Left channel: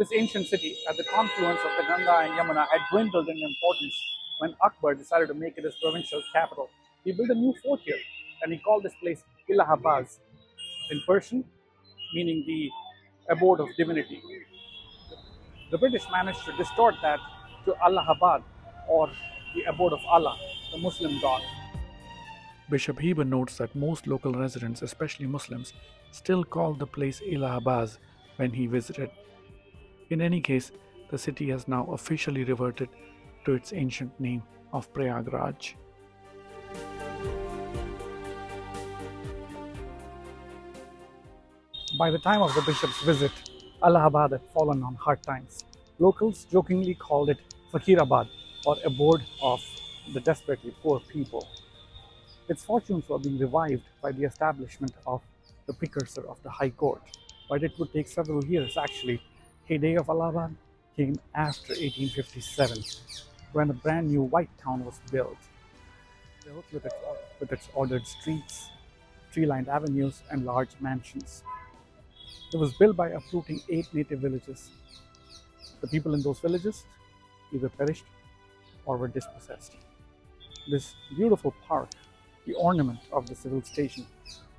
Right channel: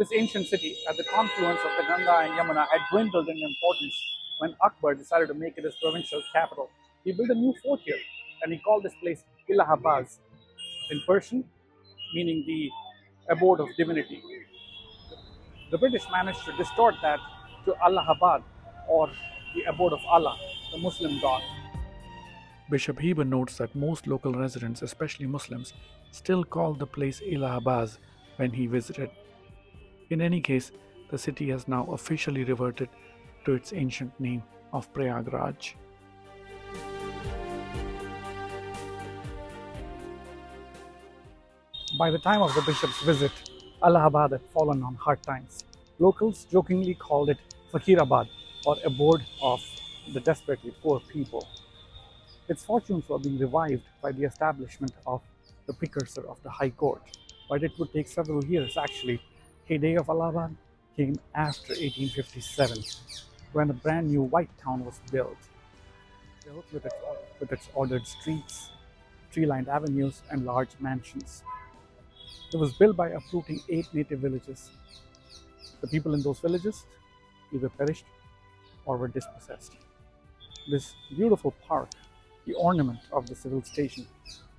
This ancient city, at the confluence of the Ganga and Yamuna, had dwindled in importance when Akbar decided to make it his provincial capital. He built a new fort here, and he called this place Illahabaz, in Persian, meaning the abode of divinity. The British managed to distort that to Allahabad, or the abode of Allah, the Muslim god. Bishop Heber notes that most local residents, especially Muslims, still call the place Illahabaz when he visited. In any case, the city has now officially reverted to its ancient name of Prayagraj. By the time of the bishop's visit, Allahabad had fallen on hard times. Locals jokingly called it Fakirabad, or abode of the desperately poor people. Its fortunes were being revived by the establishment of the precursor of the High Court, but it would take several years actually. Heyday of Allahabad came after 1857, when a brand new white town was built with its ordered streets, tree-lined avenues, and large mansions. It was built by uprooting 8 native villages. The people in those villages either perished or were dispossessed. This beautiful park, the ornament of the civil station,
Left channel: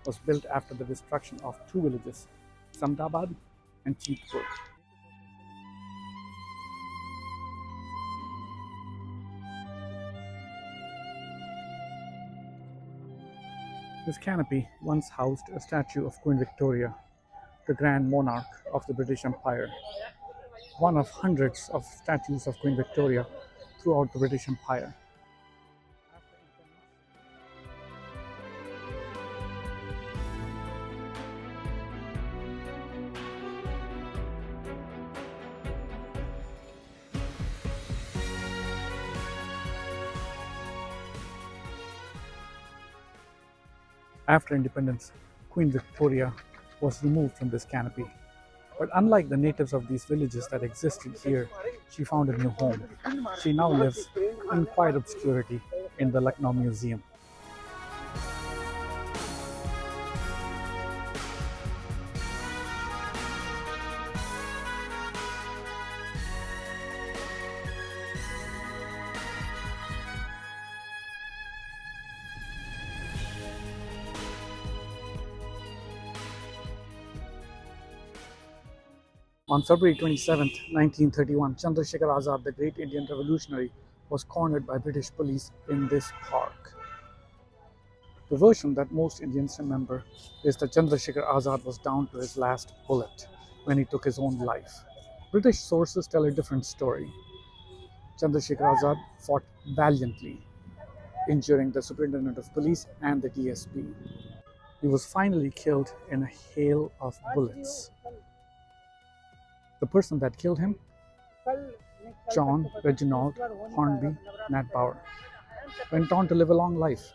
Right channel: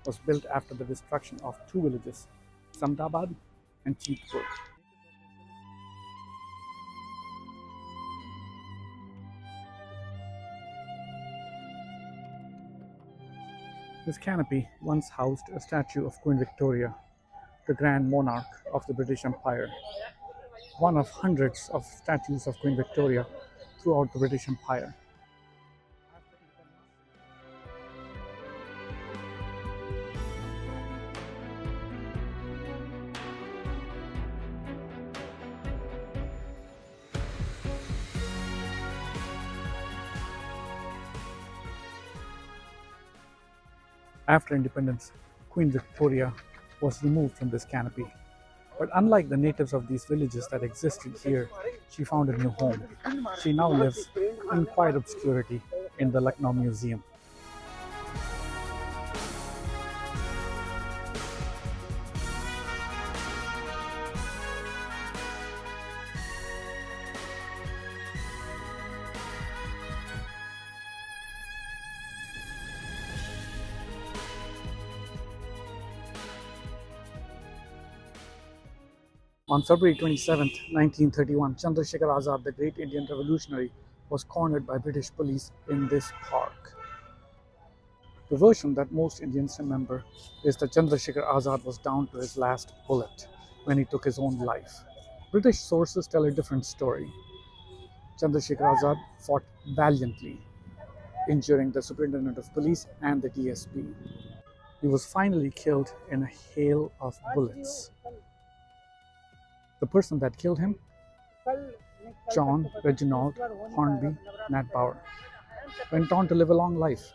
was built after the destruction of 2 villages, Samdabad and Cheetpur. This canopy once housed a statue of Queen Victoria, the Grand Monarch of the British Empire, one of hundreds of statues of Queen Victoria throughout the British Empire. After independence, Queen Victoria was removed from this canopy. But unlike the natives of these villages that existed here, she found a new home. She now lives in quiet obscurity in the Lucknow Museum. On February 27, 1931, Chandrashekhar Azad, the great Indian revolutionary, was cornered by British police in this park. The version that most Indians remember is that Chandrashekhar Azad was down to his last bullet when he took his own life. British sources tell a different story. Chandrashekhar Azad fought valiantly, injuring the superintendent of police and the DSP. He was finally killed in a hail of bullets. The person that killed him, John Reginald Hornby Natbauer, went on to live a long life.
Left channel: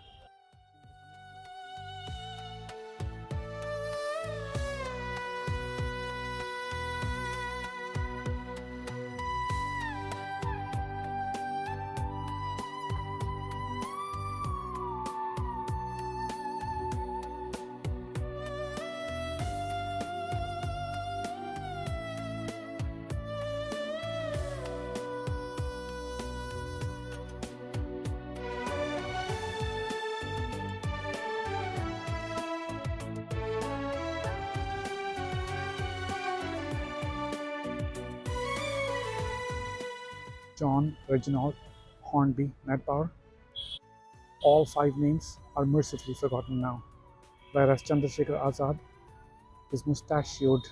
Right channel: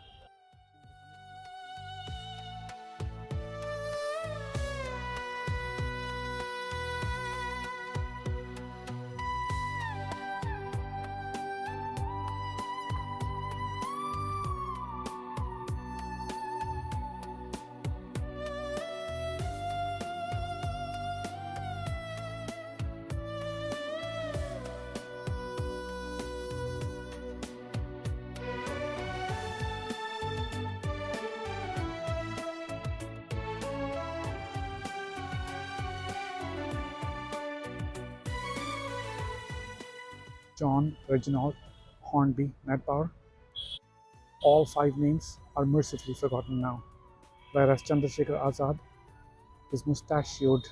John Reginald Hornby Natbauer. All 5 names are mercifully forgotten now, whereas Chandrashekhar Azad, his mustachioed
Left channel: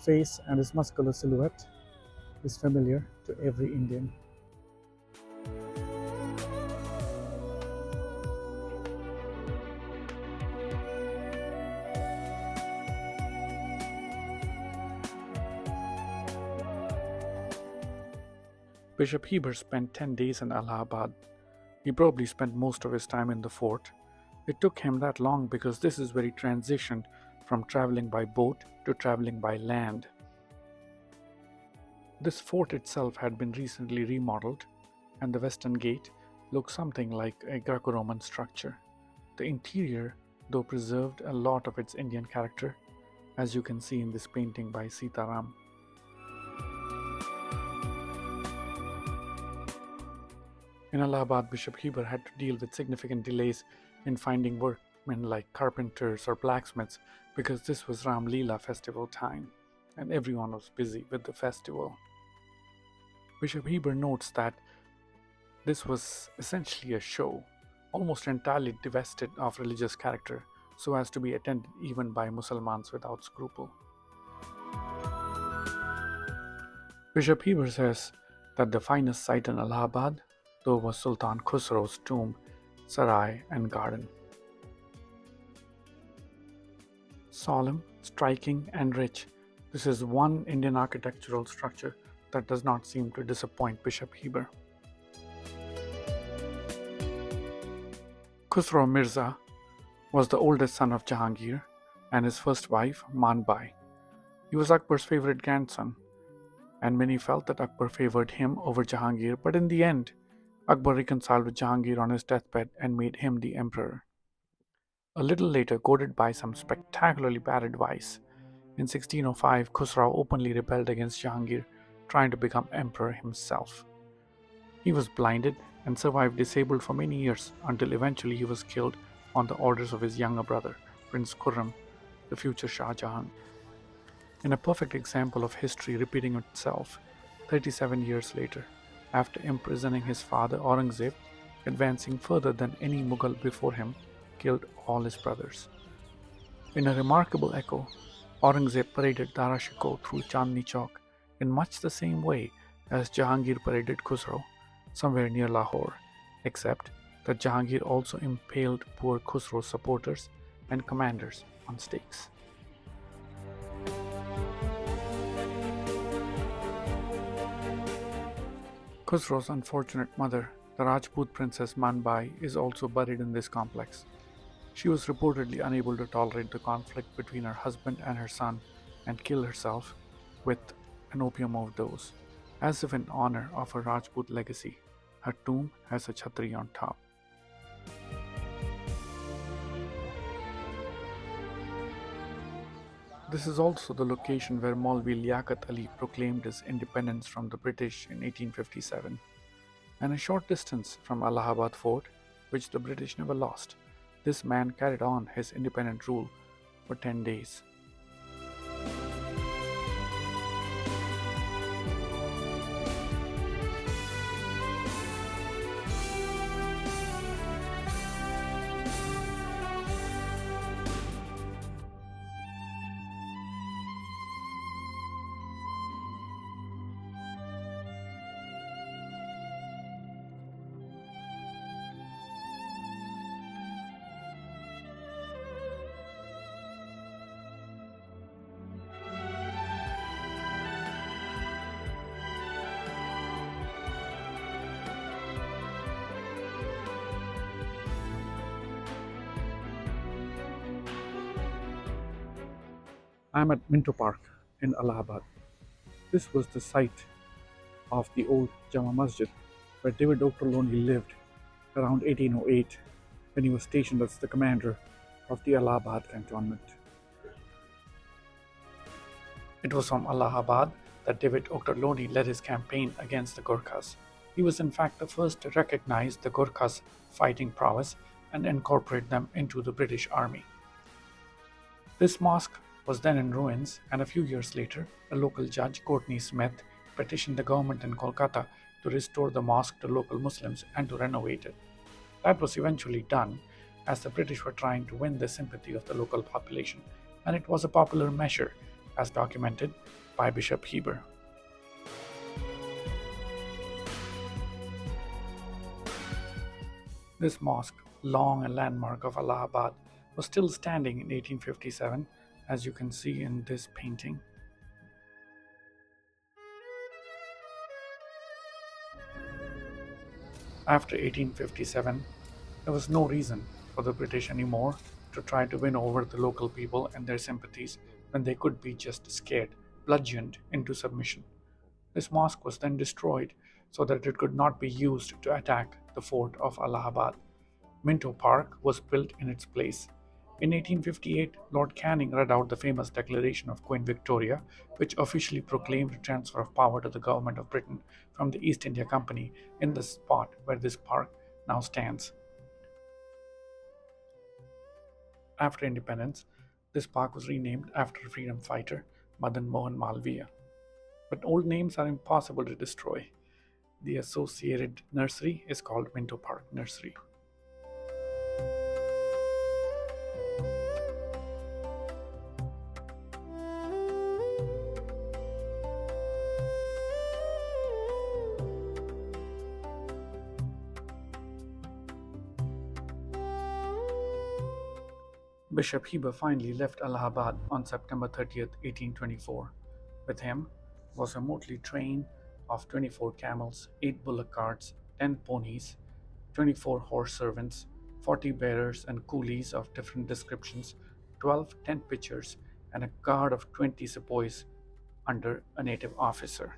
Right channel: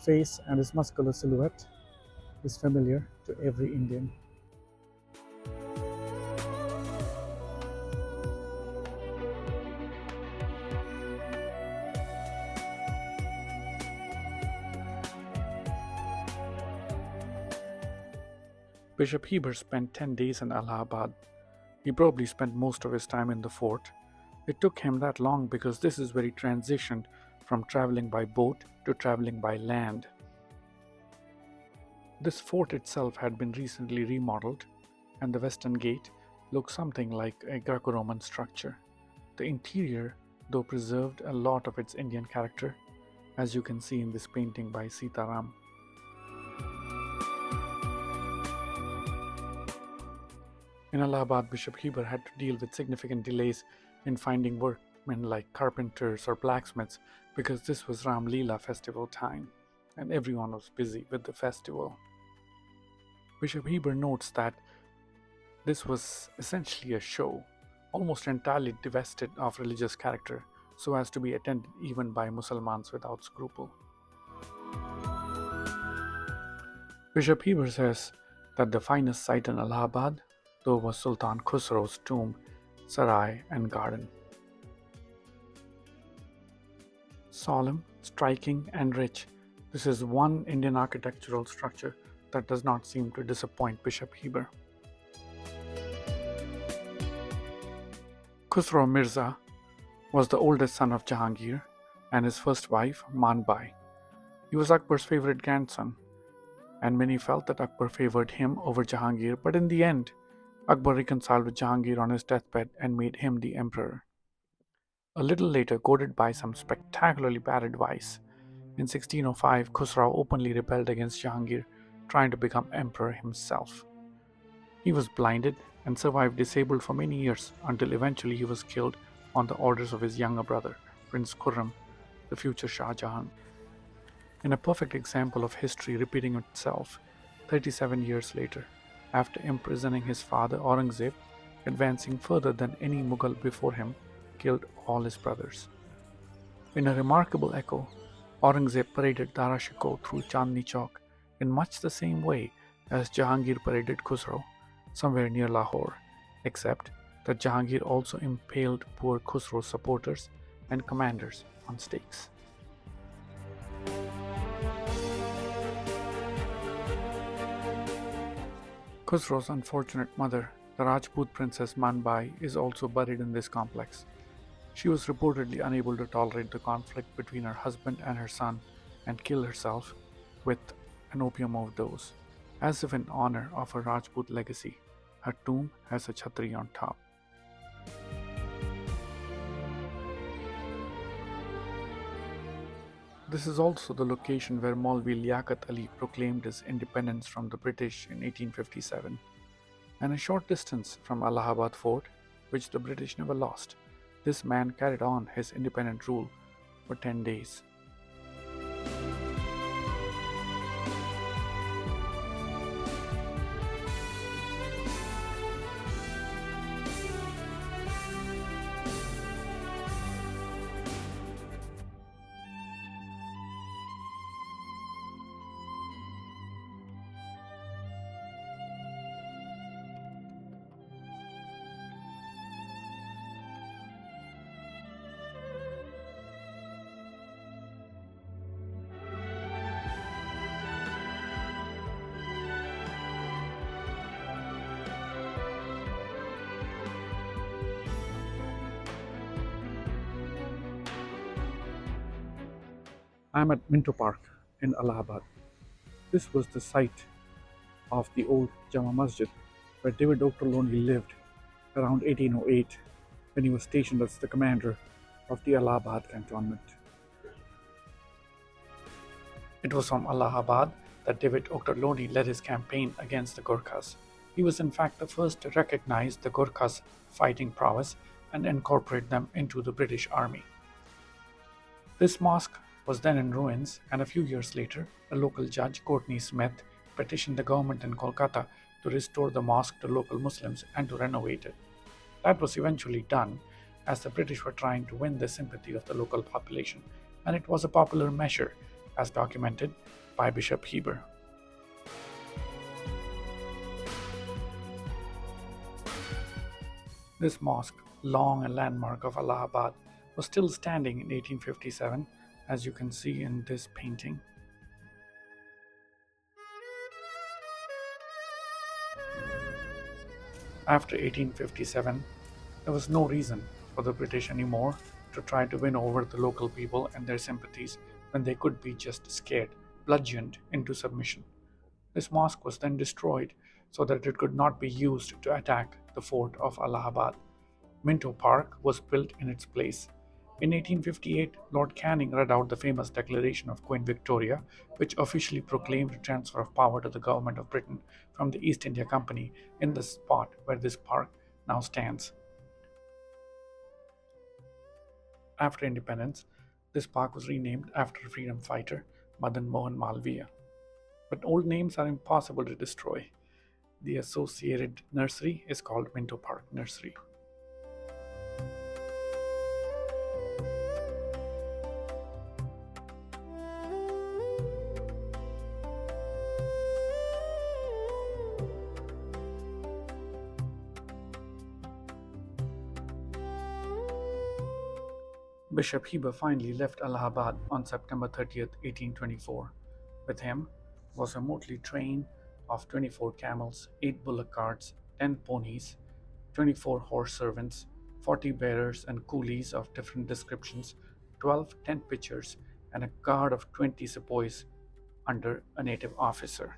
face and his muscular silhouette is familiar to every Indian. Bishop Heber spent 10 days in Allahabad. He probably spent most of his time in the fort. It took him that long because this is where he transitioned from traveling by boat to traveling by land. This fort itself had been recently remodeled, and the western gate looked something like a Greco-Roman structure. The interior, though, preserved a lot of its Indian character, as you can see in this painting by Sitaram. In Allahabad, Bishop Heber had to deal with significant delays in finding workmen like carpenters or blacksmiths because this was Ram Leela festival time and everyone was busy with the festival. Bishop Heber notes that this was essentially a show, almost entirely divested of religious character, so as to be attended even by Muslims without scruple. Bishop Heber says that the finest sight in Allahabad, though, was Sultan Khusrau's tomb, sarai, and garden. Solemn, striking, and rich, this is one Indian architectural structure that does not seem to disappoint Bishop Heber. Khusrau Mirza was the oldest son of Jahangir and his first wife, Manbai. He was Akbar's favorite grandson, and many felt that Akbar favored him over Jahangir, but in the end, Akbar reconciled with Jahangir on his deathbed and made him the emperor. A little later, goaded by some spectacularly bad advice, in 1605 Khusrau openly rebelled against Jahangir, trying to become emperor himself. He was blinded and survived disabled for many years until eventually he was killed on the orders of his younger brother, Prince Khurram, the future Shah Jahan. In a perfect example of history repeating itself, 37 years later, after imprisoning his father Aurangzeb, advancing further than any Mughal before him, killed all his brothers. In a remarkable echo, Aurangzeb paraded Dara Shikoh through Chandni Chowk in much the same way as Jahangir paraded Khusrau, somewhere near Lahore, except that Jahangir also impaled poor Khusrau's supporters and commanders on stakes. Khusrau's unfortunate mother, the Rajput princess Manbai, is also buried in this complex. She was reportedly unable to tolerate the conflict between her husband and her son and killed herself with an opium overdose. As if in honor of her Rajput legacy, her tomb has a chhatri on top. This is also the location where Maulvi Liaquat Ali proclaimed his independence from the British in 1857, and a short distance from Allahabad Fort, which the British never lost. This man carried on his independent rule for 10 days. I am at Minto Park in Allahabad. This was the site of the old Jama Masjid where David Ochterlony lived around 1808 when he was stationed as the commander of the Allahabad cantonment. It was from Allahabad that David Ochterlony led his campaign against the Gurkhas. He was in fact the first to recognize the Gurkhas' fighting prowess and incorporate them into the British army. This mosque was then in ruins, and a few years later, a local judge, Courtney Smith, petitioned the government in Kolkata to restore the mosque to local Muslims and to renovate it. That was eventually done, as the British were trying to win the sympathy of the local population, and it was a popular measure, as documented by Bishop Heber. This mosque, long a landmark of Allahabad, was still standing in 1857, as you can see in this painting. After 1857, there was no reason for the British anymore to try to win over the local people and their sympathies when they could be just scared, bludgeoned into submission. This mosque was then destroyed so that it could not be used to attack the fort of Allahabad. Minto Park was built in its place, In 1858, Lord Canning read out the famous declaration of Queen Victoria, which officially proclaimed a transfer of power to the government of Britain from the East India Company in the spot where this park now stands. After independence, this park was renamed after freedom fighter Madan Mohan Malviya. But old names are impossible to destroy. The associated nursery is called Minto Park Nursery. Bishop Heber finally left Allahabad on September 30th, 1824. With him was a motley train of 24 camels, 8 bullock carts, 10 ponies, 24 horse servants, 40 bearers and coolies of different descriptions, 12 tent pitchers, and a guard of 20 sepoys under a native officer.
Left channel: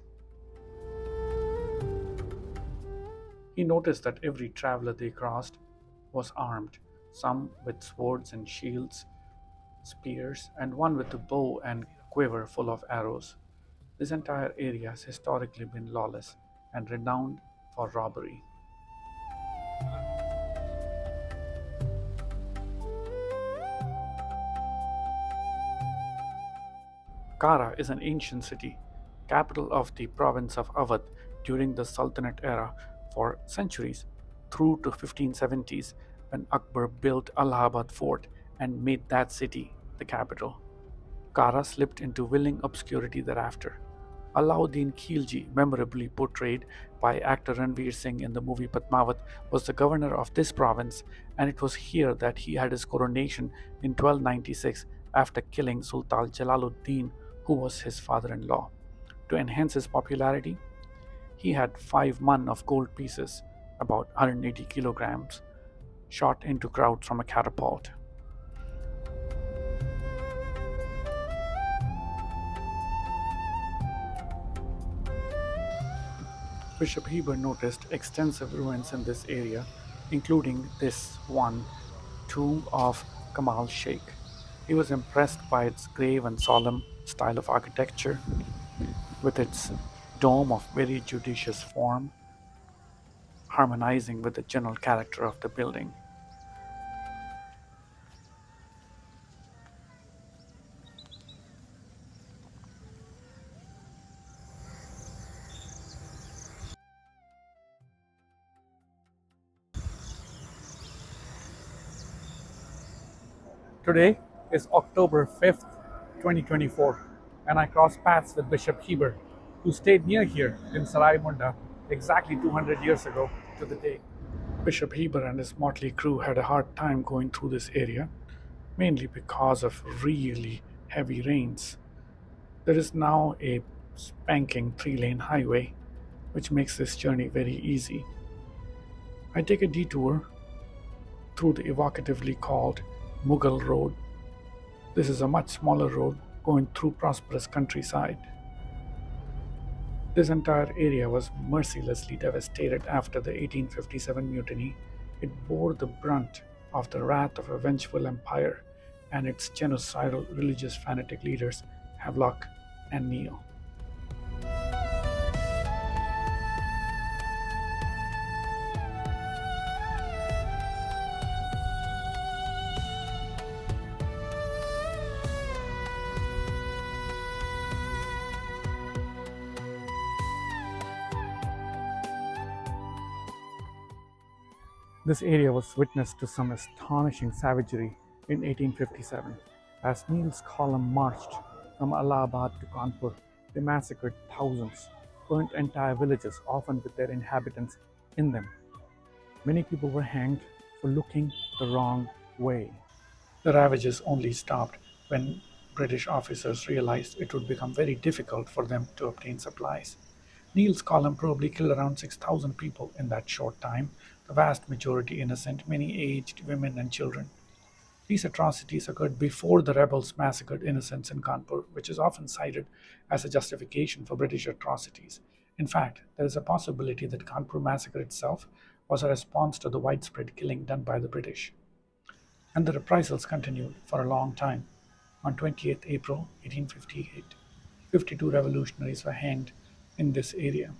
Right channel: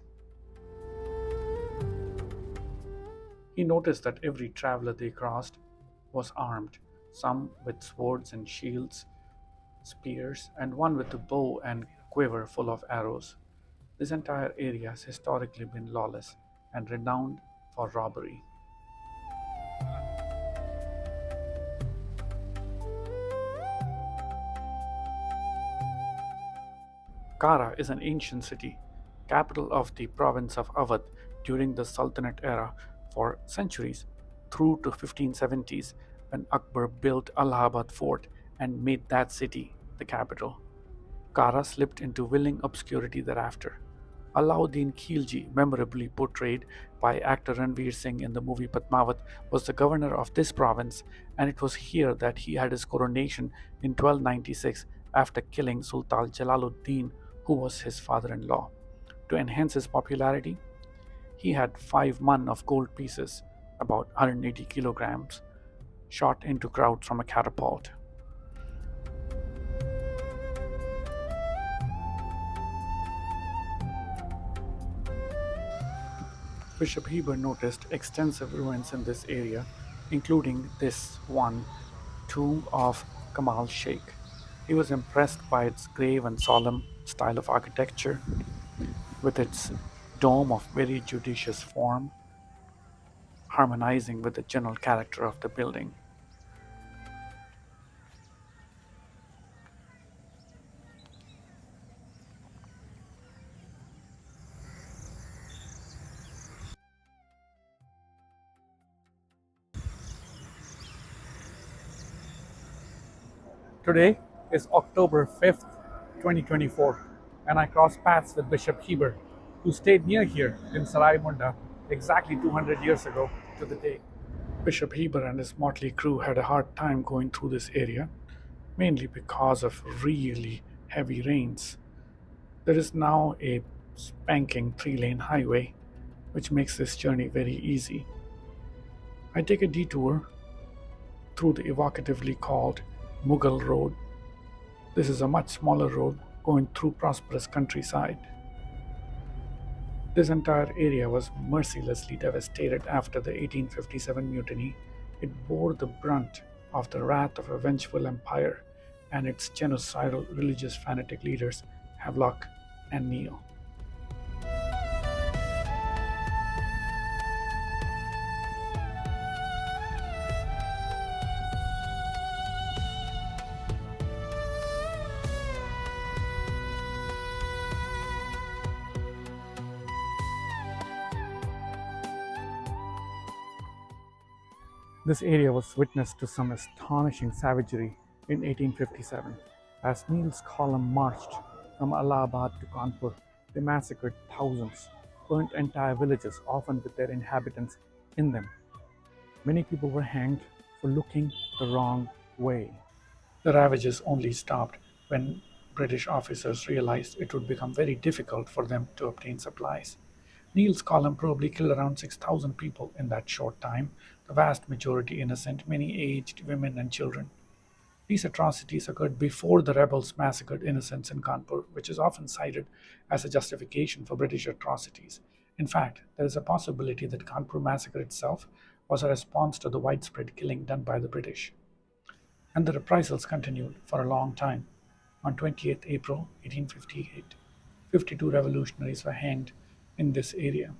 He noticed that every traveler they crossed was armed, some with swords and shields, spears, and one with a bow and quiver full of arrows. This entire area has historically been lawless and renowned for robbery. Kara is an ancient city, capital of the province of Awadh during the Sultanate era for centuries, through to 1570s when Akbar built Allahabad fort and made that city the capital. Kara slipped into willing obscurity thereafter. Alauddin Khilji, memorably portrayed by actor Ranveer Singh in the movie Padmavat, was the governor of this province, and it was here that he had his coronation in 1296 after killing Sultan Jalaluddin, who was his father in law. To enhance his popularity, he had 5 mun of gold pieces, about 180 kilograms, shot into crowds from a catapult. Bishop Heber noticed extensive ruins in this area, including this one, tomb of Kamal Sheikh. He was impressed by its grave and solemn style of architecture, with its dome of very judicious form, harmonizing with the general character of the building. Today is October 5th, 2024, and I crossed paths with Bishop Heber, who stayed near here in Sarai Munda exactly 200 years ago to the day. Bishop Heber and his motley crew had a hard time going through this area, mainly because of really heavy rains. There is now a spanking 3-lane highway, which makes this journey very easy. I take a detour through the evocatively called Mughal Road. This is a much smaller road going through prosperous countryside. This entire area was mercilessly devastated after the 1857 mutiny. It bore the brunt of the wrath of a vengeful empire and its genocidal religious fanatic leaders Havelock and Neil. This area was witness to some astonishing savagery in 1857. As Neil's column marched from Allahabad to Kanpur, they massacred thousands, burnt entire villages, often with their inhabitants in them. Many people were hanged for looking the wrong way. The ravages only stopped when British officers realized it would become very difficult for them to obtain supplies. Neil's column probably killed around 6,000 people in that short time, the vast majority innocent, many aged women and children. These atrocities occurred before the rebels massacred innocents in Kanpur, which is often cited as a justification for British atrocities. In fact, there is a possibility that Kanpur massacre itself was a response to the widespread killing done by the British. and the reprisals continued for a long time. On 28th April 1858, 52 revolutionaries were hanged in this area.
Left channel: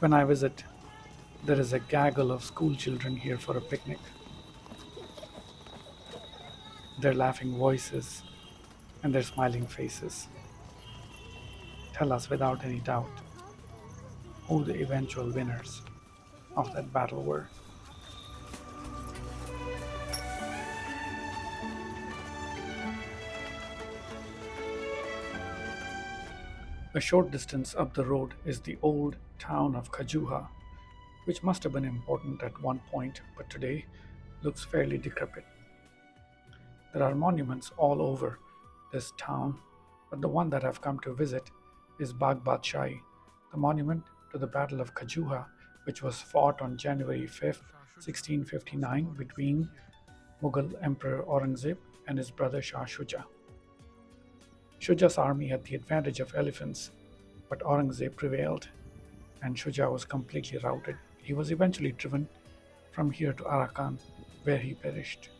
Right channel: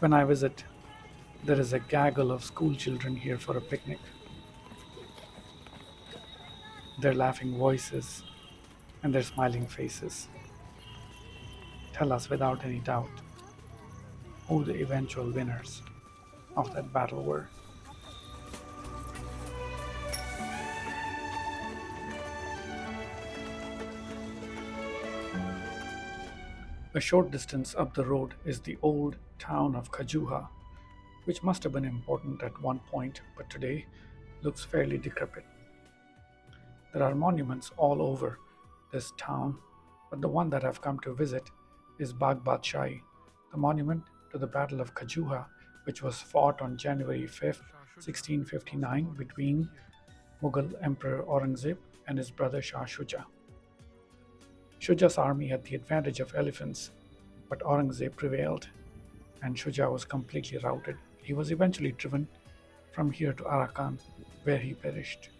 When I visit, there is a gaggle of school children here for a picnic. Their laughing voices and their smiling faces tell us without any doubt who the eventual winners of that battle were. A short distance up the road is the old town of Khajuha, which must have been important at one point but today looks fairly decrepit. There are monuments all over this town, but the one that I've come to visit is Bagh Badshahi, the monument to the Battle of Khajuha, which was fought on January 5th, 1659, between Mughal Emperor Aurangzeb and his brother Shah Shuja. Shuja's army had the advantage of elephants, but Aurangzeb prevailed and Shuja was completely routed. He was eventually driven from here to Arakan, where he perished.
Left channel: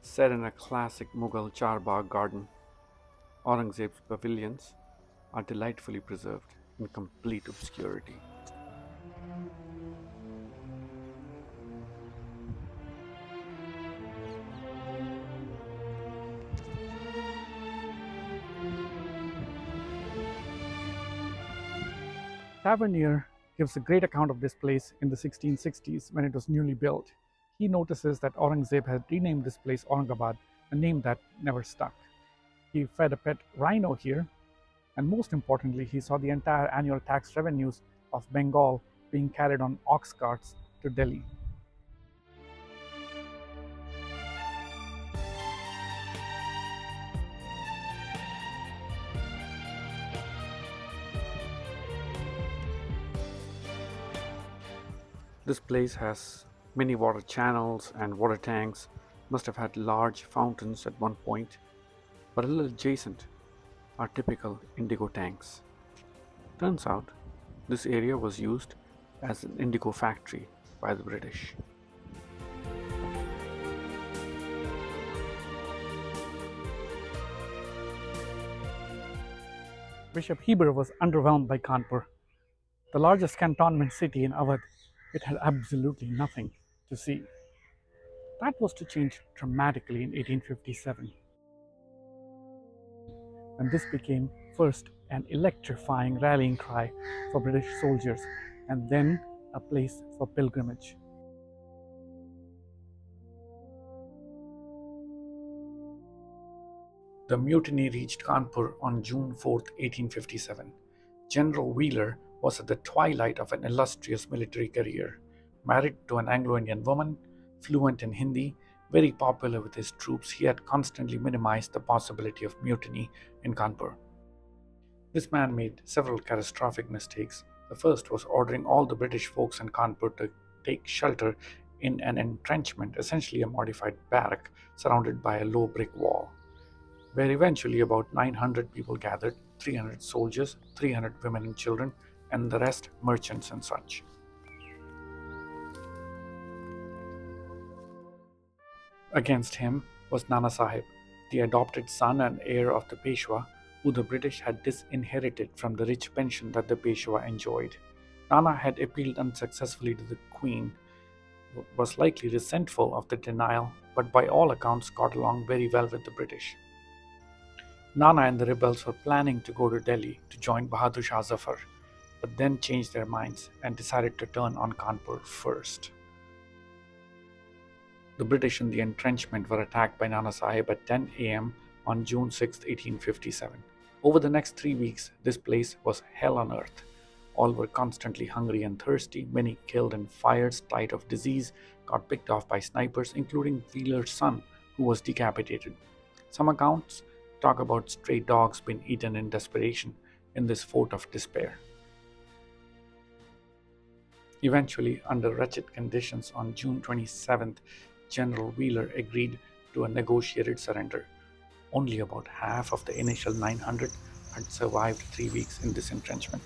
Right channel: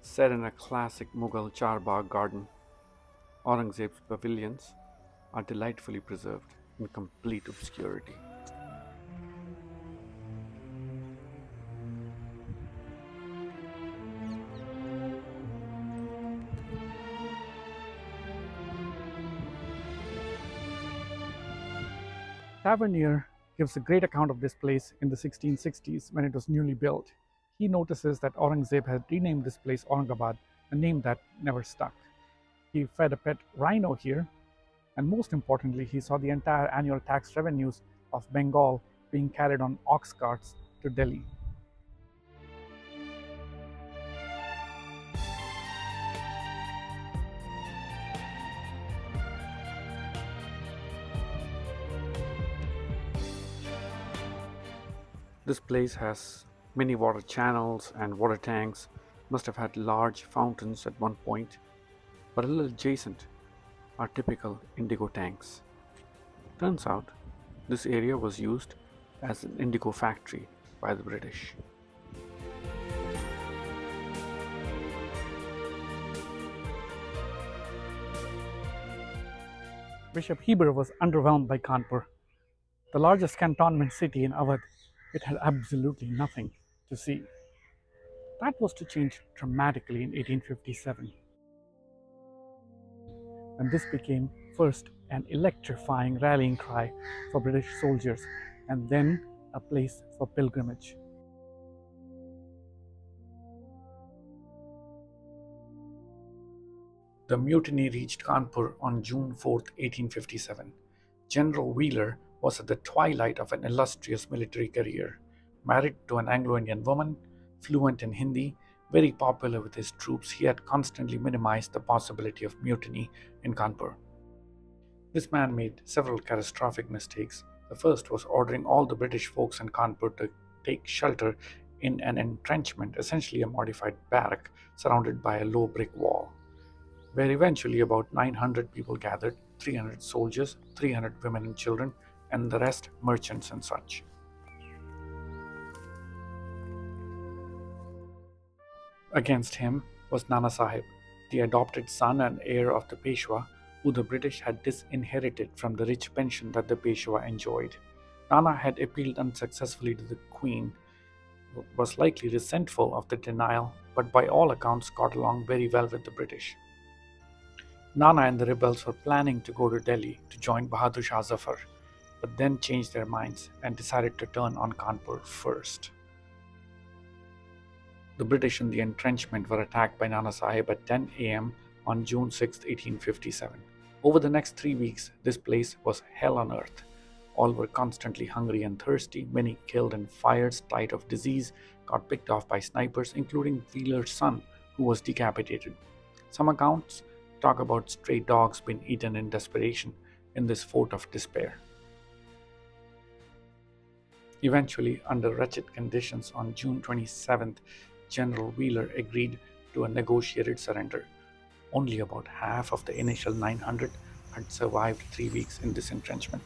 Set in a classic Mughal Charbagh garden, Aurangzeb's pavilions are delightfully preserved in complete obscurity. Tavernier gives a great account of this place in the 1660s when it was newly built. He notices that Aurangzeb had renamed this place Aurangabad, a name that never stuck. He fed a pet rhino here, and most importantly, he saw the entire annual tax revenues of Bengal being carried on ox carts to Delhi. This place has many water channels and water tanks, must have had large fountains at one point, but a little adjacent are typical indigo tanks. Turns out this area was used as an indigo factory by the British. Bishop Heber was underwhelmed by Kanpur, the largest cantonment city in Awadh. It had absolutely nothing to see. That was to change dramatically in 1857, when this became first an electrifying rallying cry for British soldiers and then a place for pilgrimage. The mutiny reached Kanpur on June 4, 1857. General Wheeler was at the twilight of an illustrious military career, married to an Anglo-Indian woman, fluent in Hindi, very popular with his troops. He had constantly minimized the possibility of mutiny in Kanpur. This man made several catastrophic mistakes. The first was ordering all the British folks in Kanpur to take shelter in an entrenchment, essentially a modified barrack surrounded by a low brick wall, where eventually about 900 people gathered, 300 soldiers, 300 women and children, and the rest merchants and such. Against him was Nana Sahib, the adopted son and heir of the Peshwa, who the British had disinherited from the rich pension that the Peshwa enjoyed. Nana had appealed unsuccessfully to the Queen, was likely resentful of the denial, but by all accounts got along very well with the British. Nana and the rebels were planning to go to Delhi to join Bahadur Shah Zafar, but then changed their minds and decided to turn on Kanpur first. The British in the entrenchment were attacked by Nana Sahib at 10 a.m. on June 6, 1857. Over the next 3 weeks, this place was hell on earth. All were constantly hungry and thirsty, many killed in fires, died of disease, got picked off by snipers, including Wheeler's son, who was decapitated. Some accounts talk about stray dogs being eaten in desperation in this fort of despair. Eventually, under wretched conditions, on June 27th, General Wheeler agreed to a negotiated surrender. Only about half of the initial 900 had survived 3 weeks in this entrenchment.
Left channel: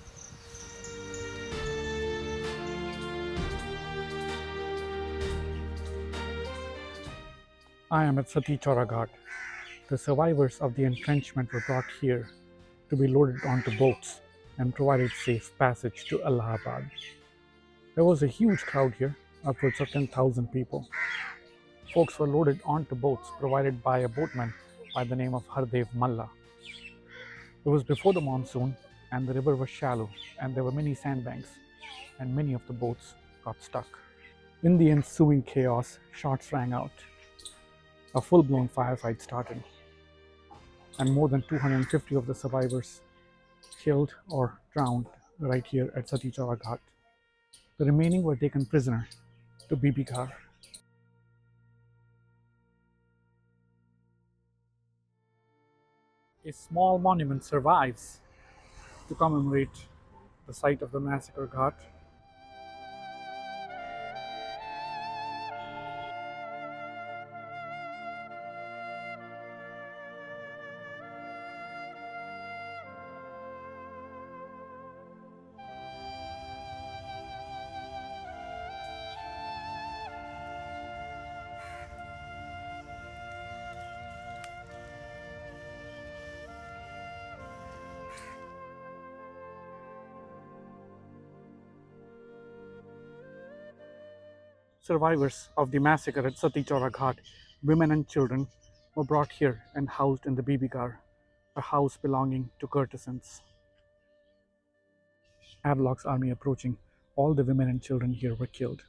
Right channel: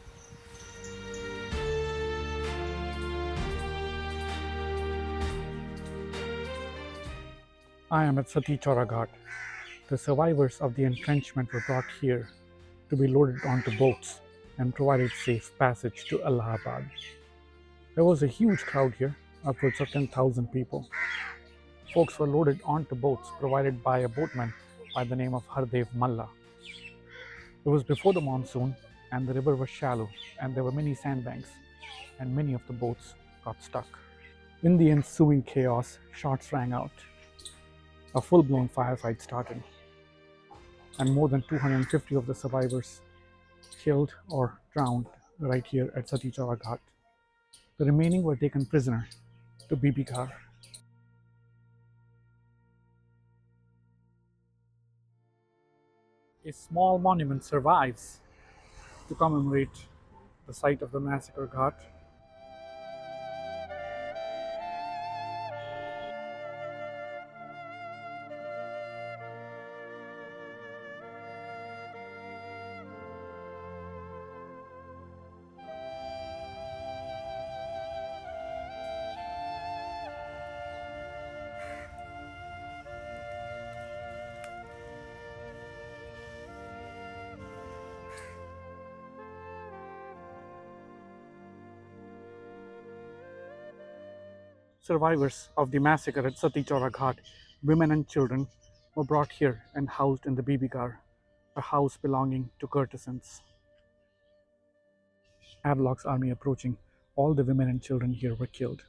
I am at Sati Chora Ghat. The survivors of the entrenchment were brought here to be loaded onto boats and provided safe passage to Allahabad. There was a huge crowd here, upwards of 10,000 people. Folks were loaded onto boats provided by a boatman by the name of Hardev Malla. It was before the monsoon, and the river was shallow, and there were many sandbanks, and many of the boats got stuck. In the ensuing chaos, shots rang out. A full blown firefight started, and more than 250 of the survivors killed or drowned right here at Sati Chowra Ghat. The remaining were taken prisoner to Bibi Ghar. A small monument survives to commemorate the site of the massacre ghat. Survivors of the massacre at Sati Chowra Ghat, women and children, were brought here and housed in the Bibi Ghar, a house belonging to courtesans. Havelock's army approaching, all the women and children here were killed.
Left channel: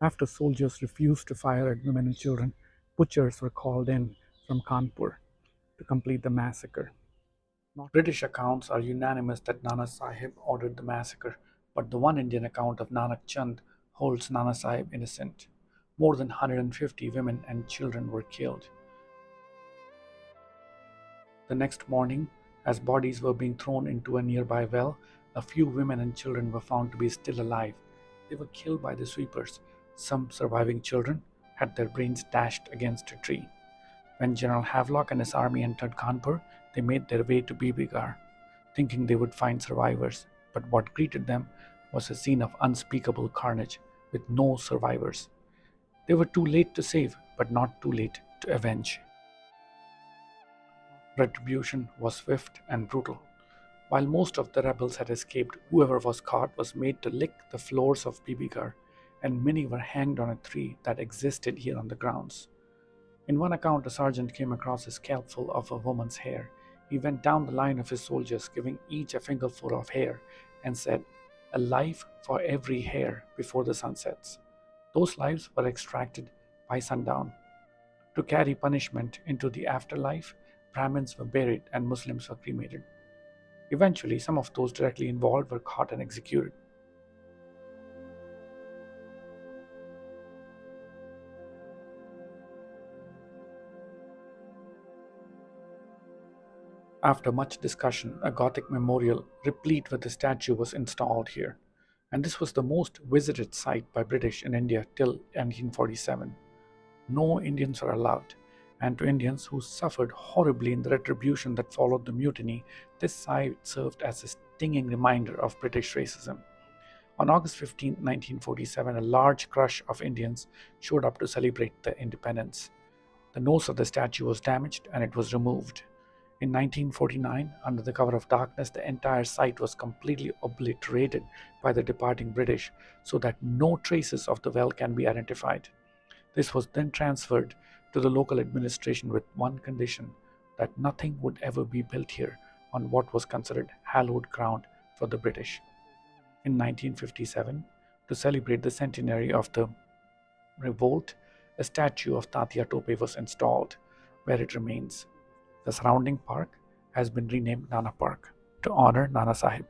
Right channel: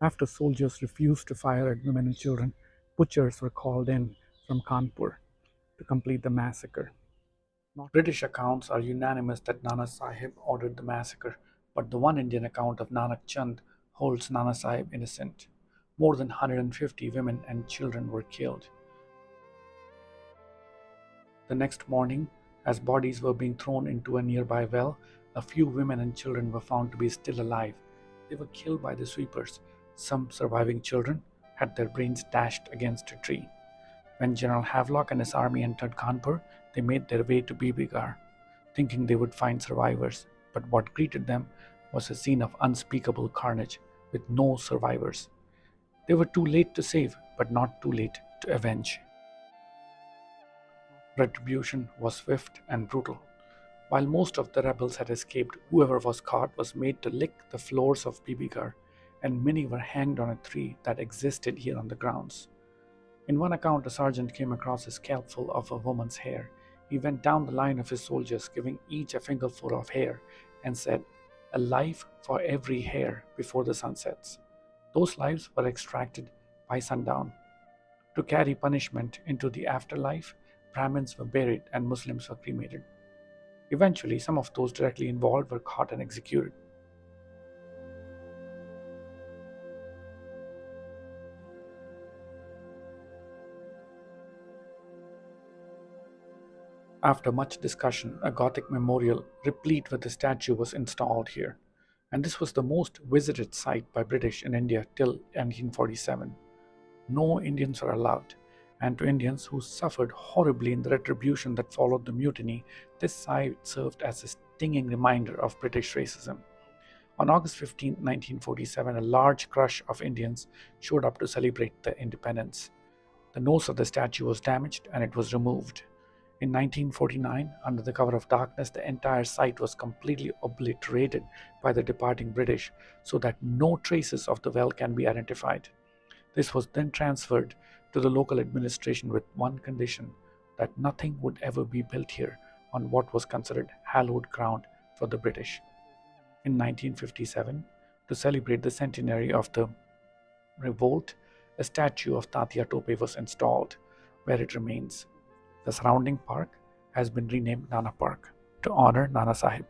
After soldiers refused to fire at women and children, butchers were called in from Kanpur to complete the massacre. British accounts are unanimous that Nana Sahib ordered the massacre, but the one Indian account of Nanak Chand holds Nana Sahib innocent. More than 150 women and children were killed. The next morning, as bodies were being thrown into a nearby well, a few women and children were found to be still alive. They were killed by the sweepers. Some surviving children had their brains dashed against a tree. When General Havelock and his army entered Kanpur, they made their way to Bibigar, thinking they would find survivors, but what greeted them was a scene of unspeakable carnage, with no survivors. They were too late to save, but not too late to avenge. Retribution was swift and brutal. While most of the rebels had escaped, whoever was caught was made to lick the floors of Bibigar, and many were hanged on a tree that existed here on the grounds. In one account, a sergeant came across a scalpel of a woman's hair. He went down the line of his soldiers, giving each a fingerful of hair, and said, "A life for every hair before the sun sets." Those lives were extracted by sundown. To carry punishment into the afterlife, Brahmins were buried and Muslims were cremated. Eventually, some of those directly involved were caught and executed. After much discussion, a Gothic memorial replete with a statue was installed here, and this was the most visited site by British in India till 1947. No Indians were allowed, and to Indians who suffered horribly in the retribution that followed the mutiny, this site served as a stinging reminder of British racism. On August 15, 1947, a large crush of Indians showed up to celebrate the independence. The nose of the statue was damaged and it was removed. In 1949, under the cover of darkness, the entire site was completely obliterated by the departing British so that no traces of the well can be identified. This was then transferred to the local administration with one condition, that nothing would ever be built here on what was considered hallowed ground for the British. In 1957, to celebrate the centenary of the revolt, a statue of Tatia Tope was installed, where it remains. The surrounding park has been renamed Nana Park to honor Nana Sahib.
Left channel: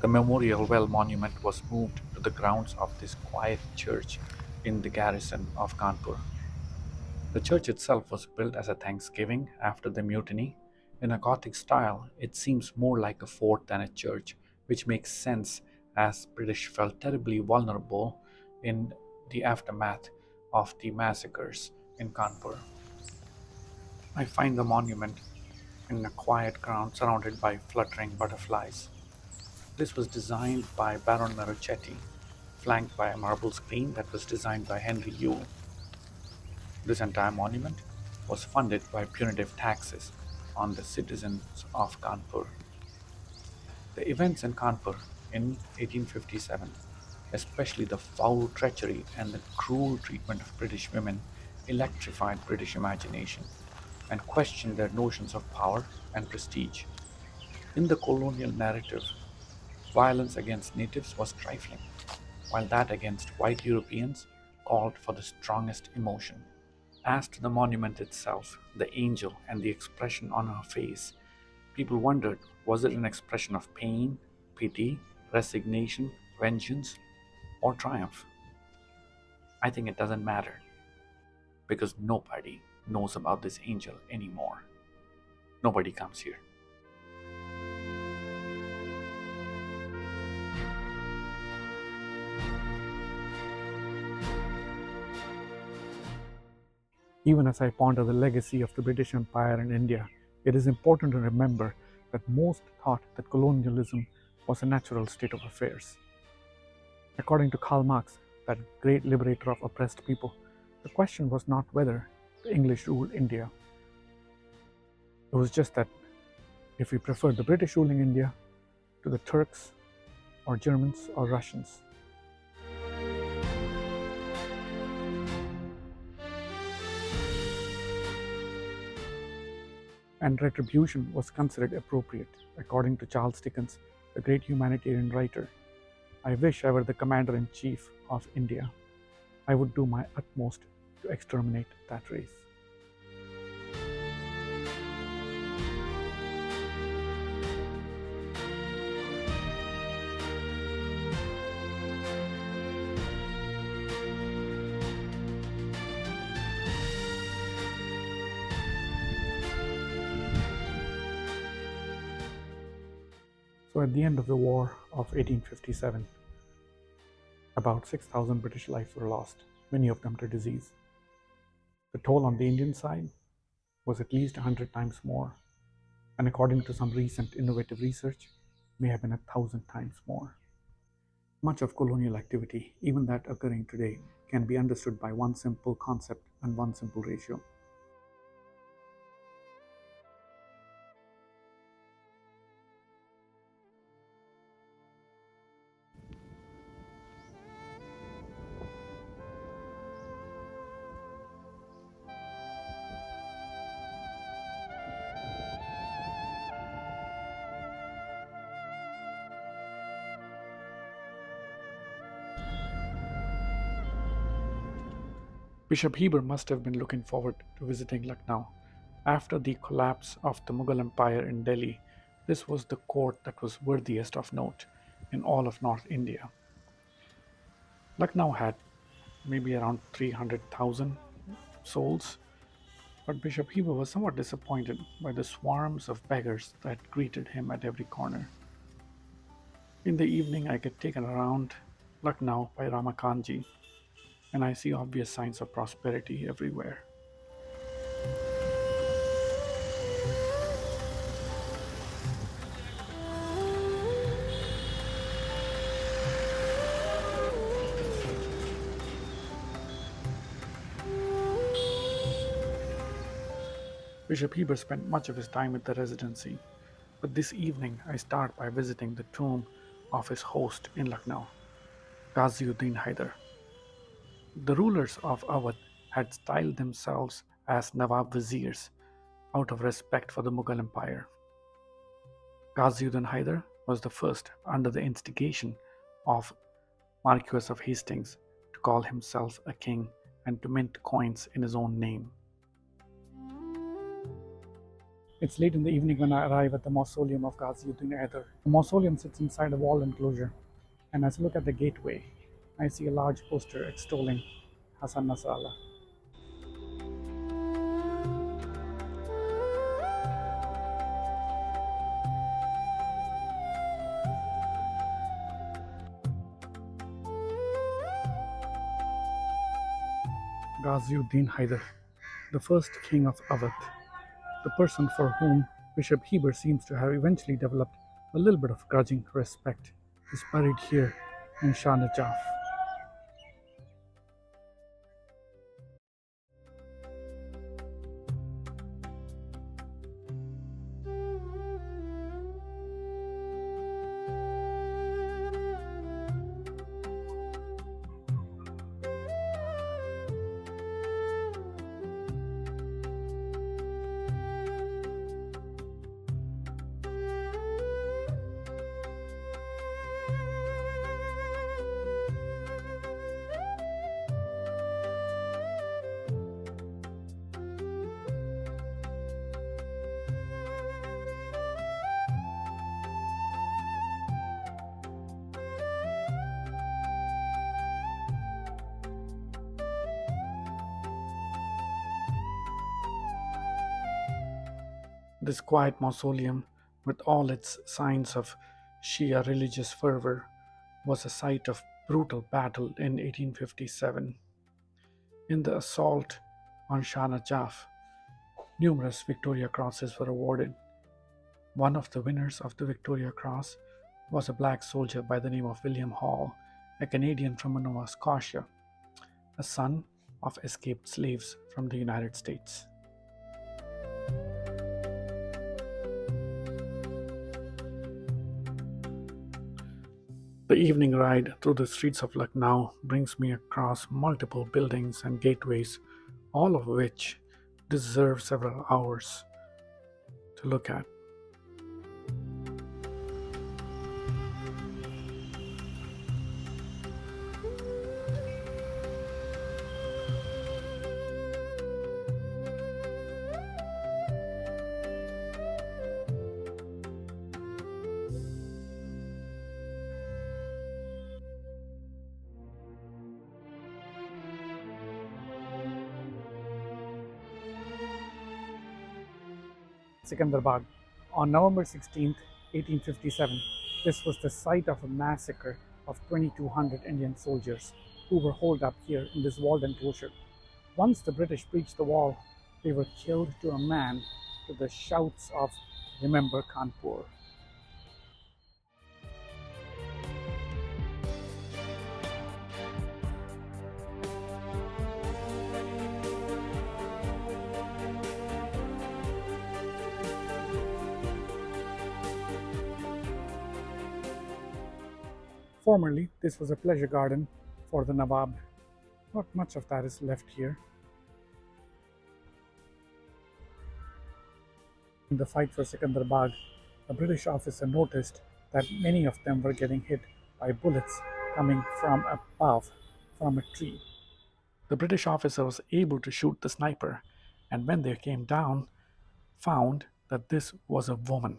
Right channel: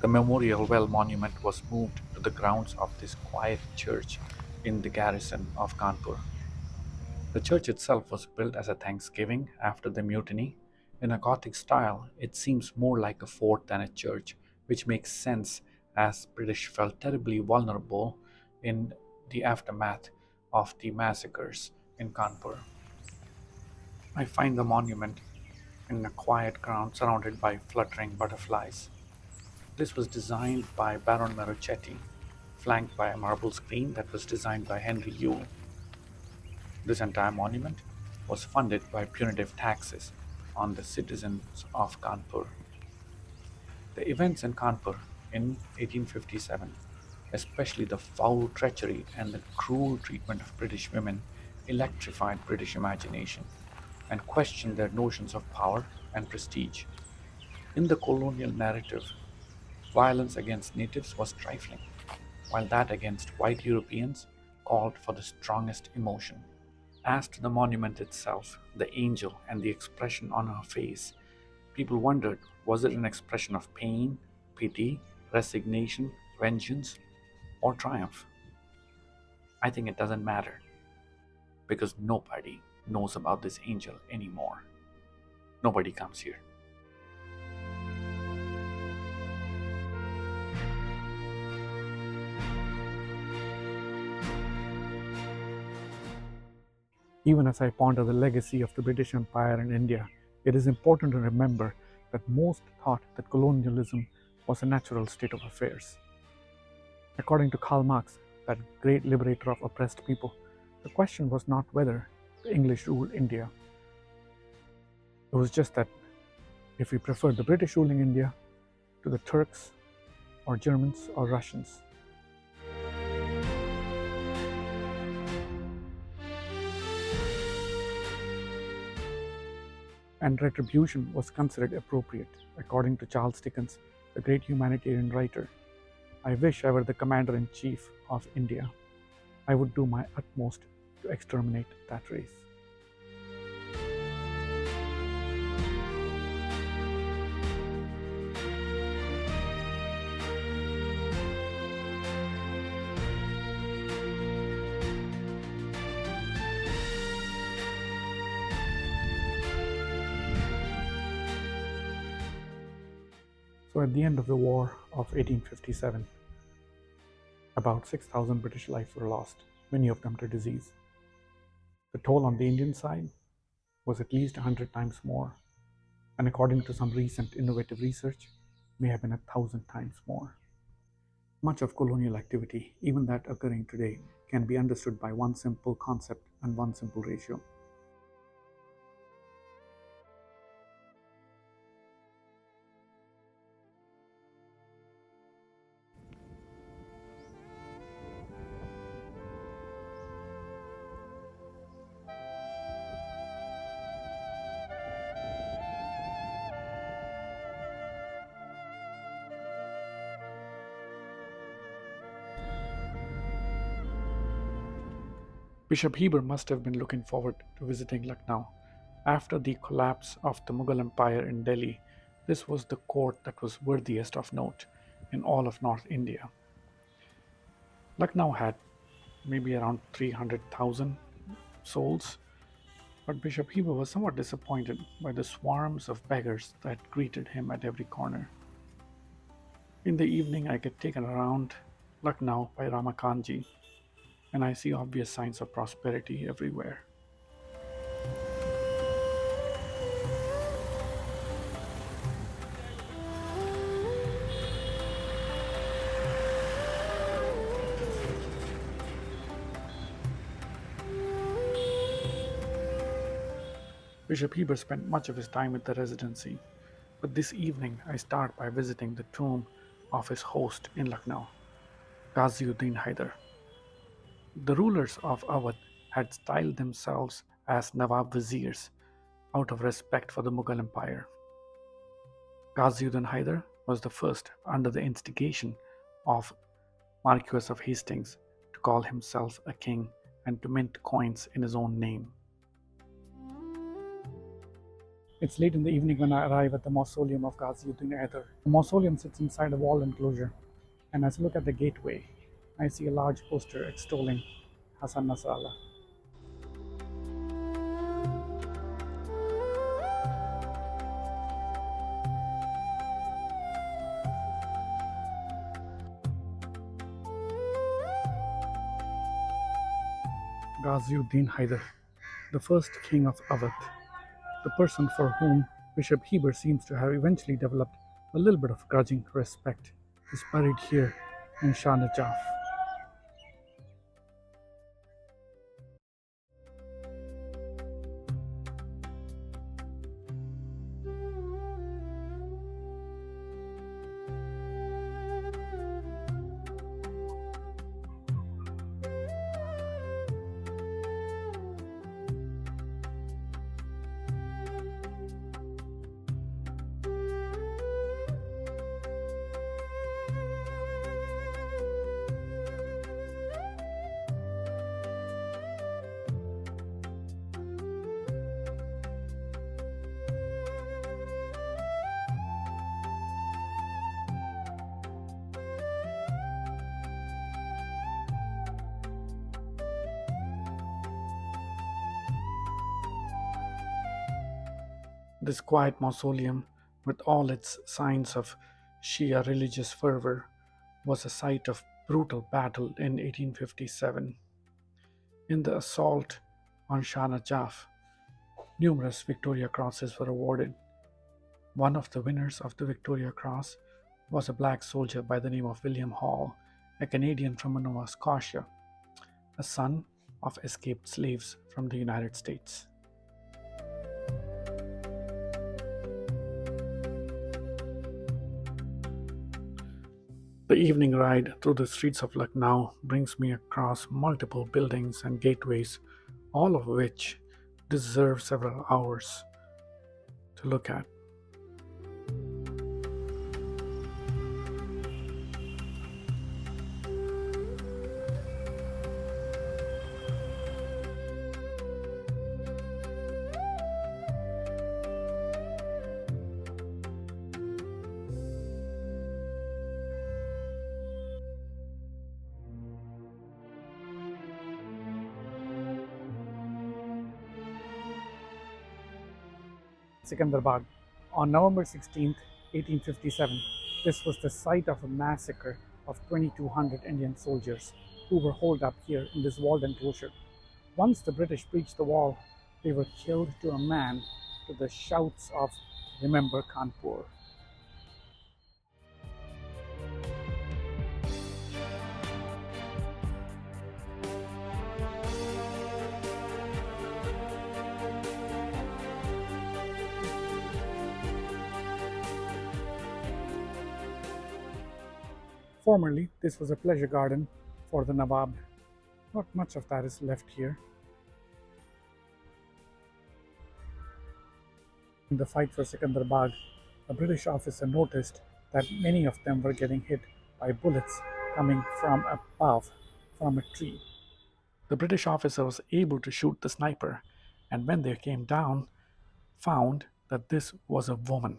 The Memorial Well monument was moved to the grounds of this quiet church in the garrison of Kanpur. The church itself was built as a thanksgiving after the mutiny. In a Gothic style, it seems more like a fort than a church, which makes sense as British felt terribly vulnerable in the aftermath of the massacres in Kanpur. I find the monument in a quiet ground surrounded by fluttering butterflies. This was designed by Baron Marochetti, flanked by a marble screen that was designed by Henry Yule. This entire monument was funded by punitive taxes on the citizens of Kanpur. The events in Kanpur in 1857, especially the foul treachery and the cruel treatment of British women, electrified British imagination and questioned their notions of power and prestige. In the colonial narrative, violence against natives was trifling, while that against white Europeans called for the strongest emotion. As to the monument itself, the angel and the expression on her face, people wondered, was it an expression of pain, pity, resignation, vengeance, or triumph? I think it doesn't matter because nobody knows about this angel anymore. Nobody comes here. Even as I ponder the legacy of the British Empire in India, it is important to remember that most thought that colonialism was a natural state of affairs. According to Karl Marx, that great liberator of oppressed people, the question was not whether the English ruled India. It was just that if we preferred the British ruling India to the Turks or Germans or Russians. And retribution was considered appropriate, according to Charles Dickens, the great humanitarian writer. I wish I were the commander in chief of India. I would do my utmost to exterminate that race. So, at the end of the War of 1857, about 6,000 British lives were lost, many of them to disease. The toll on the Indian side was at least 100 times more, and according to some recent innovative research, may have been 1,000 times more. Much of colonial activity, even that occurring today, can be understood by one simple concept and one simple ratio. Bishop Heber must have been looking forward to visiting Lucknow. After the collapse of the Mughal Empire in Delhi, this was the court that was worthiest of note in all of North India. Lucknow had maybe around 300,000 souls, but Bishop Heber was somewhat disappointed by the swarms of beggars that greeted him at every corner. In the evening, I get taken around Lucknow by Ramakanji, and I see obvious signs of prosperity everywhere. Bishop Heber spent much of his time at the residency, but this evening I start by visiting the tomb of his host in Lucknow, Ghaziuddin Haider. The rulers of Awadh had styled themselves as Nawab Viziers out of respect for the Mughal Empire. Ghaziuddin Haider was the first, under the instigation of Marquess of Hastings, to call himself a king and to mint coins in his own name. It's late in the evening when I arrive at the mausoleum of Ghaziuddin Haider. The mausoleum sits inside a walled enclosure, and as I look at the gateway, I see a large poster extolling Hassan Nasrallah. Ghaziuddin Haider, the first king of Awadh, the person for whom Bishop Heber seems to have eventually developed a little bit of grudging respect, is buried here in Shah Jahan. This quiet mausoleum, with all its signs of Shia religious fervor, was a site of brutal battle in 1857. In the assault on Shah Jahan, numerous Victoria Crosses were awarded. One of the winners of the Victoria Cross was a black soldier by the name of William Hall, a Canadian from Nova Scotia, a son of escaped slaves from the United States. The evening ride through the streets of Lucknow brings me across multiple buildings and gateways, all of which deserve several hours to look at. Secunderabad. On November 16, 1857, this was the site of a massacre of 2,200 Indian soldiers who were holed up here in this walled enclosure. Once the British breached the wall, they were killed to a man to the shouts of "Remember Kanpur." Formerly, this was a pleasure garden for the Nawab. Not much of that is left here. In the fight for Secunderabad, a British officer noticed that many of them were getting hit by bullets coming from above, from a tree. The British officer was able to shoot the sniper, and when they came down, found that this was a woman.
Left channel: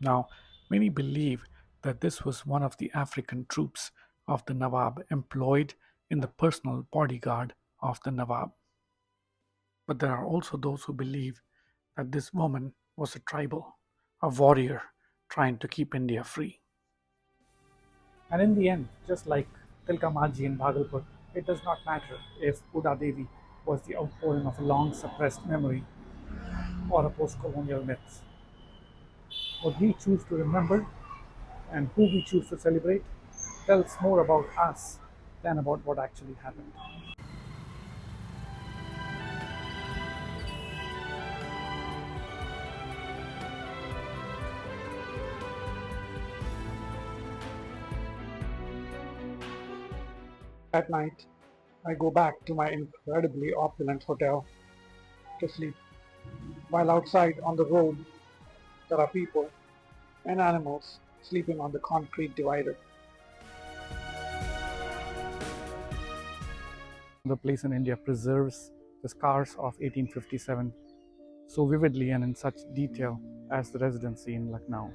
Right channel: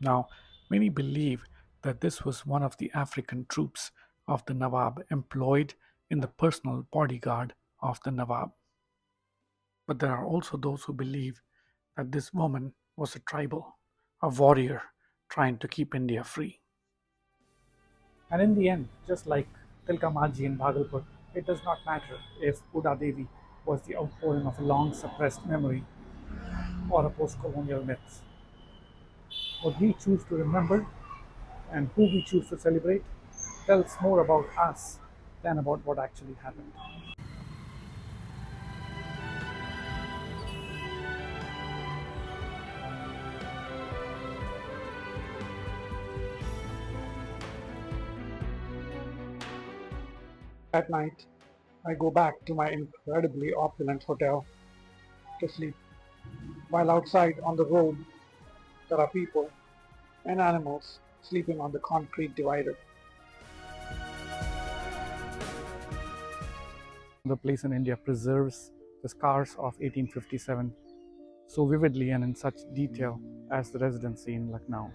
Now, many believe that this was one of the African troops of the Nawab employed in the personal bodyguard of the Nawab. But there are also those who believe that this woman was a tribal, a warrior trying to keep India free. And in the end, just like Tilka Maji in Bhagalpur, it does not matter if Uda Devi was the outpouring of a long suppressed memory or a post colonial myth. What we choose to remember and who we choose to celebrate tells more about us than about what actually happened. At night, I go back to my incredibly opulent hotel to sleep, while outside on the road there are people and animals sleeping on the concrete divider. The place in India preserves the scars of 1857 so vividly and in such detail as the residency in Lucknow.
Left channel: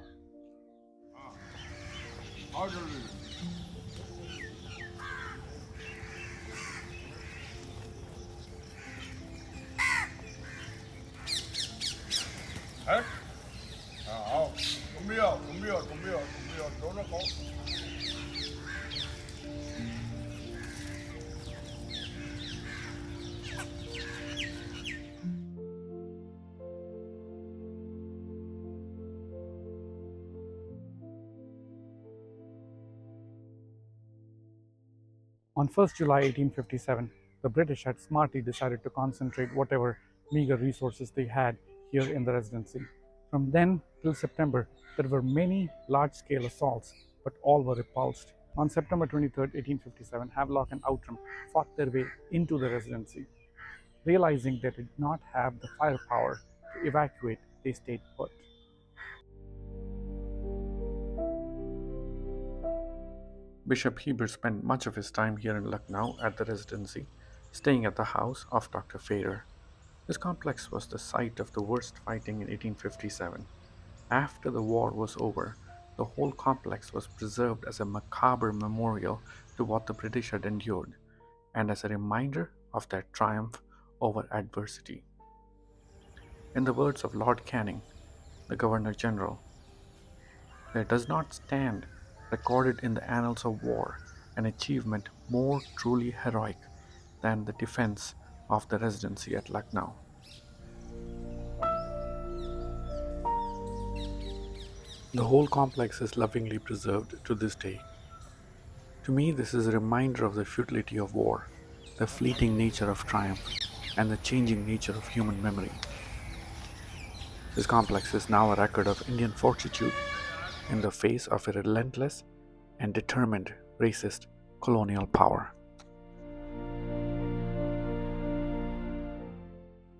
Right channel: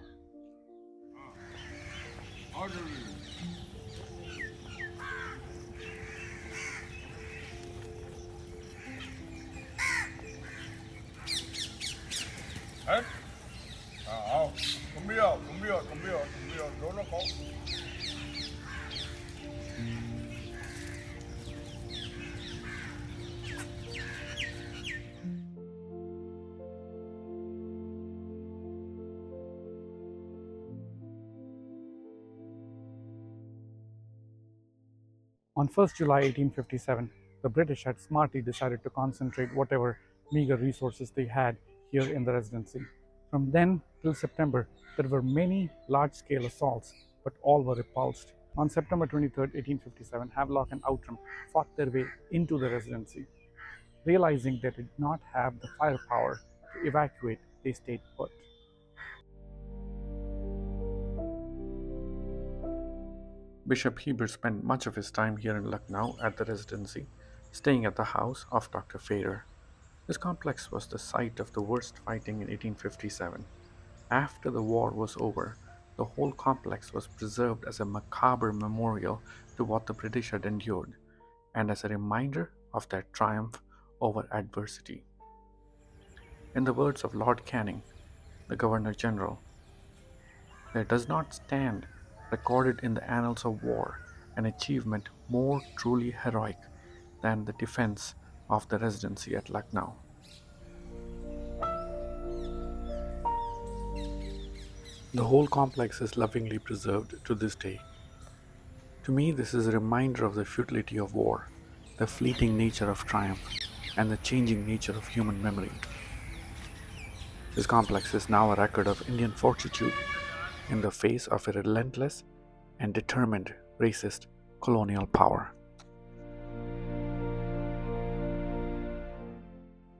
hết không không biết không biết không biết không biết đó nó có. On 1st July 1857, the British had smartly decided to concentrate whatever meager resources they had here in the Residency. From then till September, there were many large-scale assaults, but all were repulsed. On September 23rd, 1857, Havelock and Outram fought their way into the Residency. Realizing they did not have the firepower to evacuate, they stayed put. Bishop Heber spent much of his time here in Lucknow at the Residency, staying at the house of Dr. Fader. This complex was the site of the worst fighting in 1857. After the war was over, the whole complex was preserved as a macabre memorial to what the British had endured, and as a reminder of their triumph over adversity. In the words of Lord Canning, the Governor General, there does not stand recorded in the annals of war an achievement more truly heroic than the defense of the Residency at Lucknow. The whole complex is lovingly preserved to this day. To me, this is a reminder of the futility of war, the fleeting nature of triumph, and the changing nature of human memory. This complex is now a record of Indian fortitude in the face of a relentless and determined racist colonial power.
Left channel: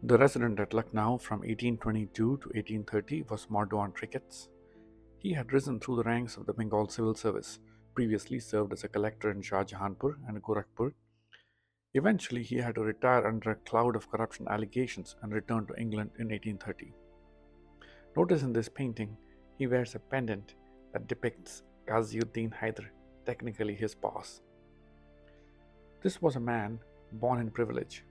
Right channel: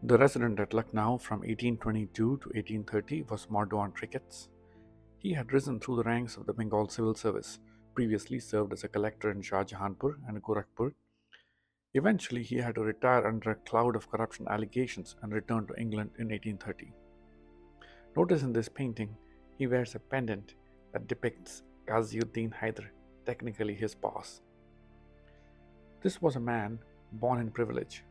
The resident at Lucknow from 1822 to 1830 was Mordaunt Ricketts. He had risen through the ranks of the Bengal civil service, previously served as a collector in Shah Jahanpur and Gorakhpur. Eventually, he had to retire under a cloud of corruption allegations and return to England in 1830. Notice in this painting, he wears a pendant that depicts Ghaziuddin Haider, technically his boss. This was a man born in privilege.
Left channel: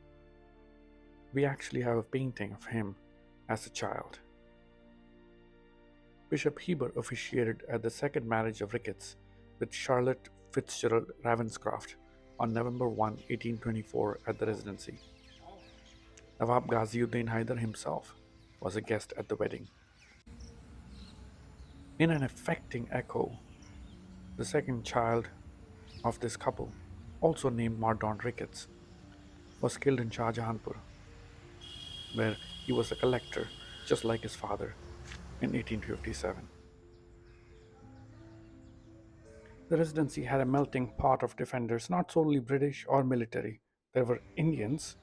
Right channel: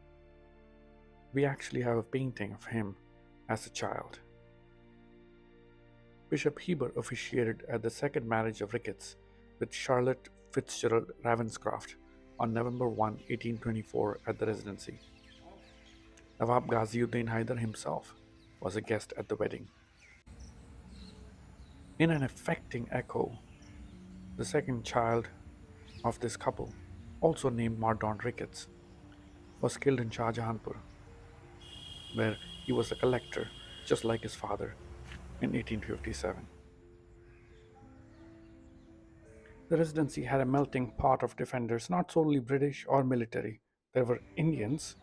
We actually have a painting of him as a child. Bishop Heber officiated at the second marriage of Ricketts with Charlotte Fitzgerald Ravenscroft on November 1, 1824 at the Residency. Nawab Ghaziuddin Haider himself was a guest at the wedding. In an affecting echo, the second child of this couple, also named Mordaunt Ricketts, was killed in Shah Jahanpur, where he was a collector just like his father in 1857. The Residency had a melting pot of defenders, not solely British or military. There were Indians,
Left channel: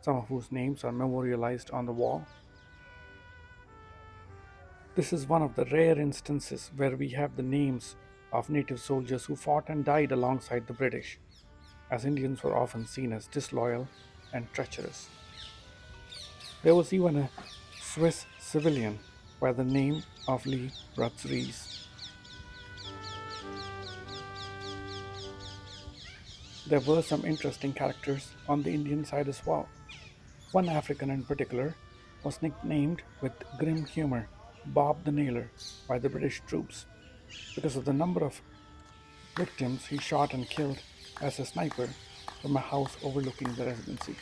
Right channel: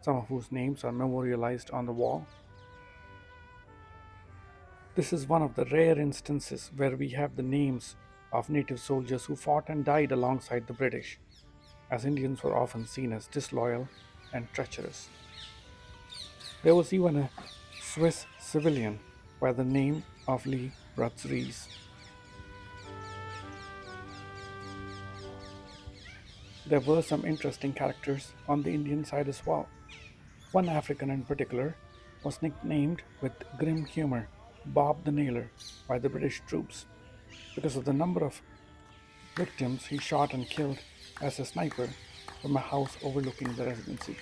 some of whose names are memorialized on the wall. This is one of the rare instances where we have the names of native soldiers who fought and died alongside the British, as Indians were often seen as disloyal and treacherous. There was even a Swiss civilian by the name of Lee Rutzries. There were some interesting characters on the Indian side as well. One African in particular was nicknamed with grim humor Bob the Nailer by the British troops because of the number of victims he shot and killed as a sniper from a house overlooking the Residency.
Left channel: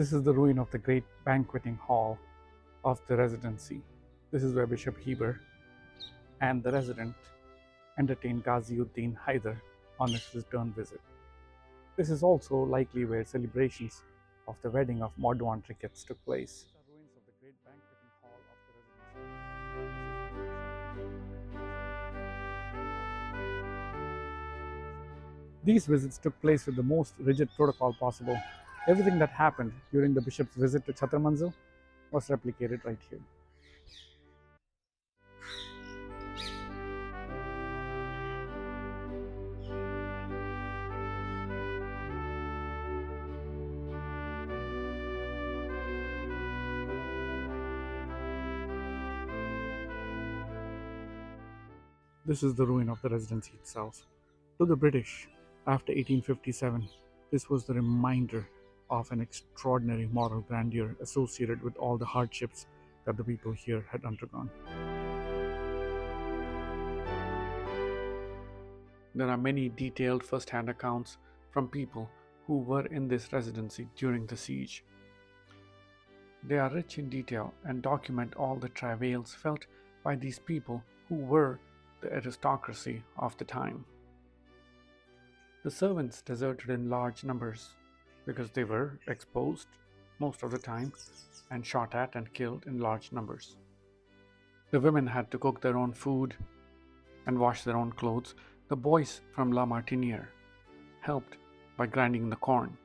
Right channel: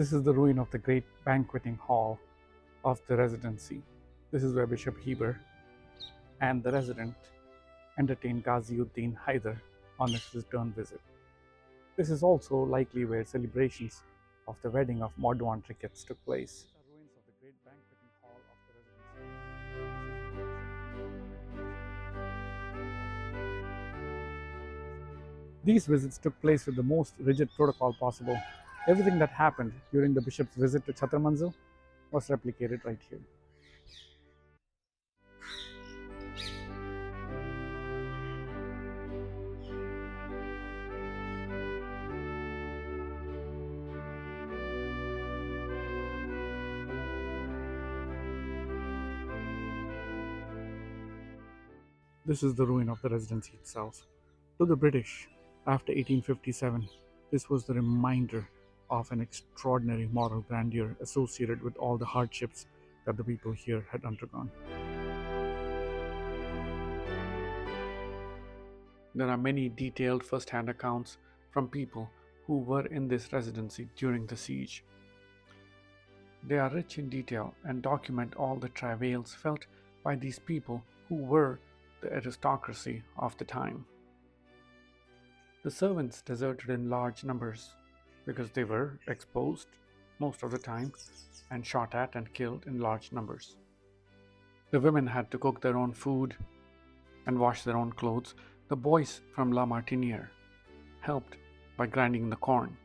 This is the ruin of the great banqueting hall of the Residency. This is where Bishop Heber and the resident entertained Ghaziuddin Haider on his return visit. This is also likely where celebrations of the wedding of Modwan Ricketts took place. These are ruins of the great banqueting hall of the residency. These visits took place with the most rigid protocol possible. Everything that happened during the bishop's visit to Chhattar Manzil was replicated right here. This is the ruin of the residency itself. To the British, after 1857, this was the reminder of an extraordinary moral grandeur associated with all the hardships that the people here had undergone. There are many detailed first hand accounts from people who were in this residency during the siege. They are rich in detail and document all the travails felt by these people who were the aristocracy of the time. The servants deserted in large numbers because they were exposed most of the time and shot at and killed in large numbers. The women had to cook their own food and wash their own clothes. The boys from La Martiniere helped by grinding the corn.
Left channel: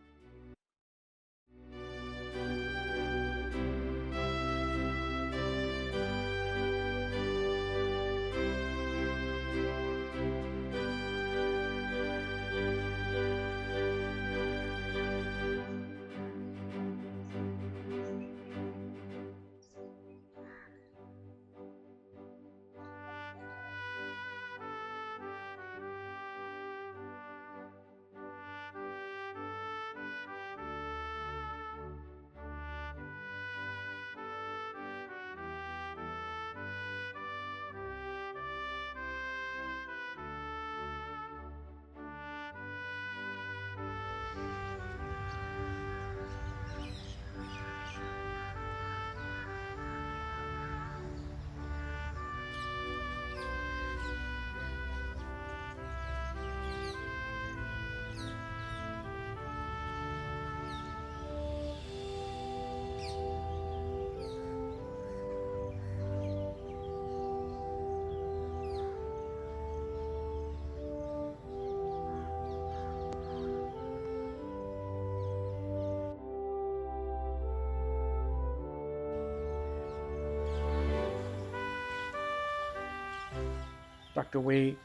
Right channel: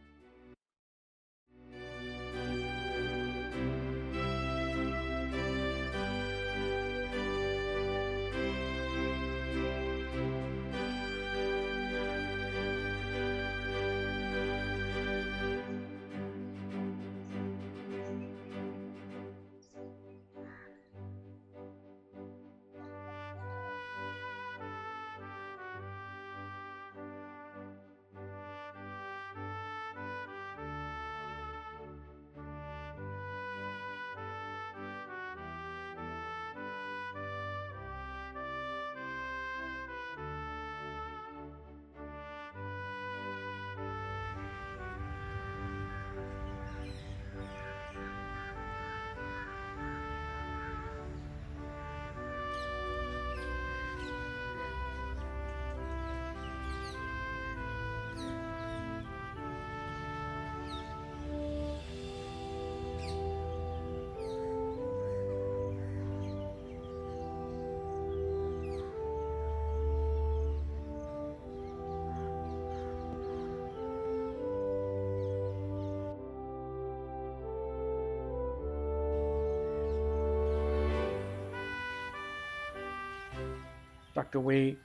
Tucked away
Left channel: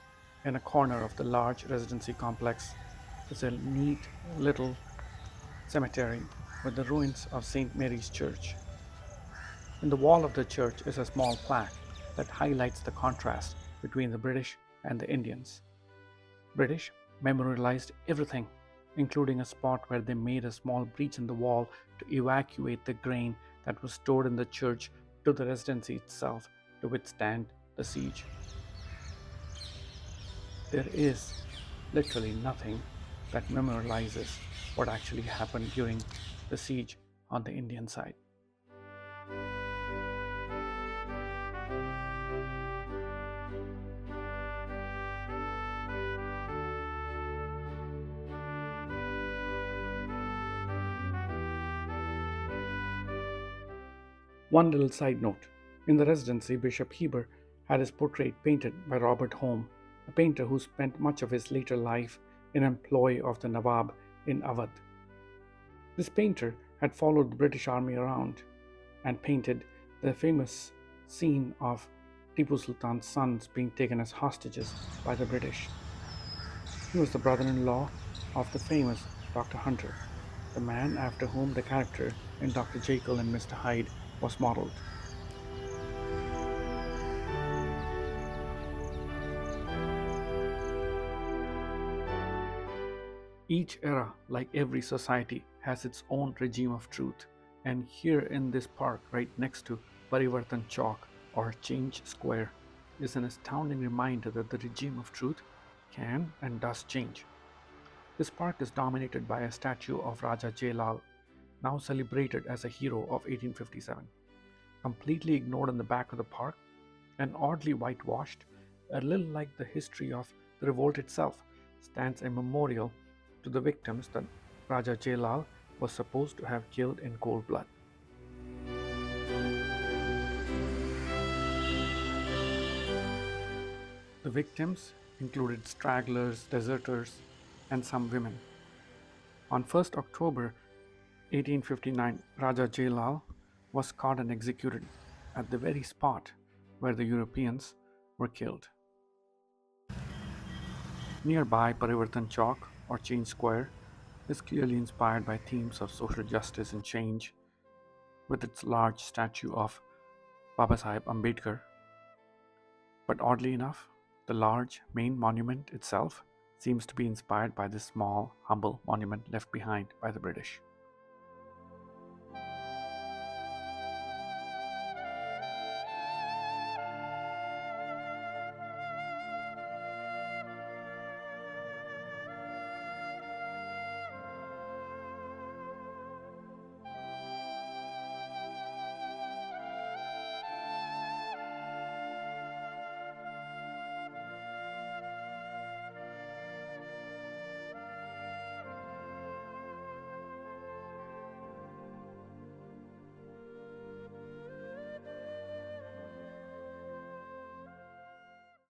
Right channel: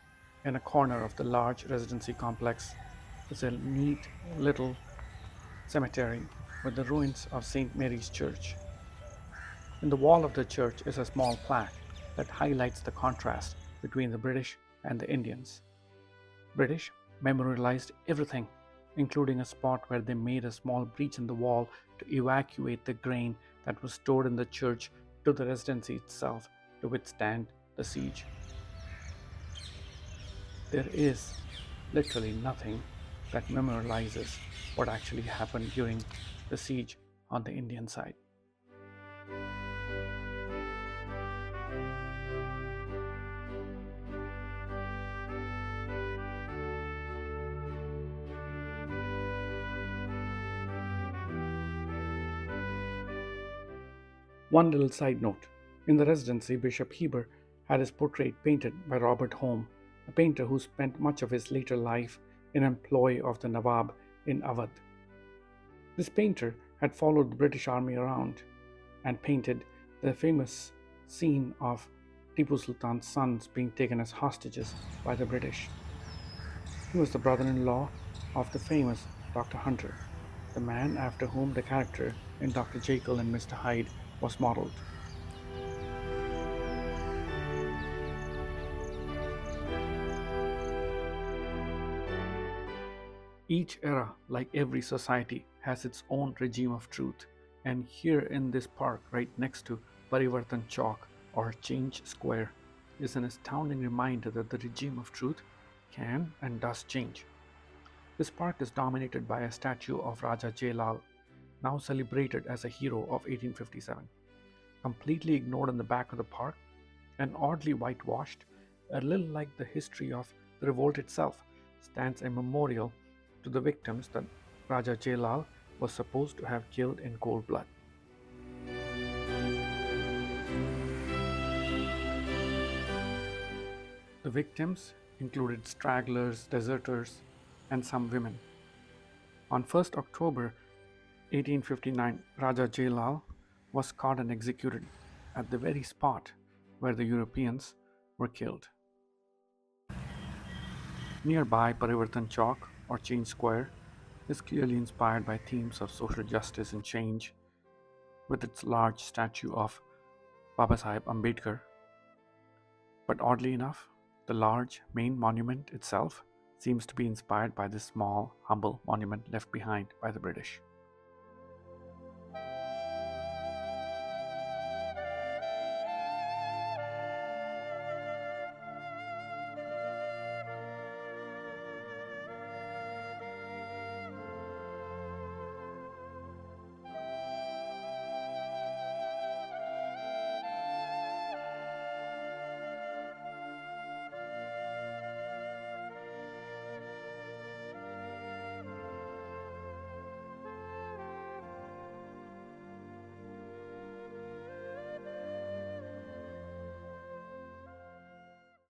in a corner of the large residency complex is a neat little cemetery with the ruins of St. Mary's Church. In the wall of the church is a small plaque that highlights the contrast between the British and the Indians. British memorialized everything, including a spot where they made a small breach in the wall to evacuate the grain that was stored in the church to the residency itself to withstand the siege. There is literally nothing that memorializes what actually happened during the siege on the Indian side. One little side note: in the residency, Bishop Heber had his portrait painted by Robert Home, a painter who spent much of his later life in employ of the Nawab in Awadh. This painter had followed the British army around and painted the famous scene of Tipu Sultan's sons being taken as hostages by the British. He was the brother in law of the famous Dr. Hunter, the man after whom the character in Dr. Jekyll and Mr. Hyde was modeled. Each era, like every society, has its own regime of truth, and here in this park, right next to Parivartan Chowk or Change Square, is an astounding reminder that the regime of truth can and does change. This park is dominated by a statue of Raja Jailal, now celebrated as a hero of 1857. Completely ignored in the back of the park and oddly whitewashed, a little like the history of the revolt itself, stands a memorial to the victims that Raja Jailal was supposed to have killed in cold blood. The victims included stragglers, deserters, and some women. On 1st October 1859, Raja Jailal was caught and executed at the very spot where the Europeans were killed. Nearby, Parivartan Chowk, or Change Square, is clearly inspired by themes of social justice and change, with its large statue of Babasaheb Ambedkar. But oddly enough, the large main monument itself seems to be inspired by this small, humble monument left behind by the British.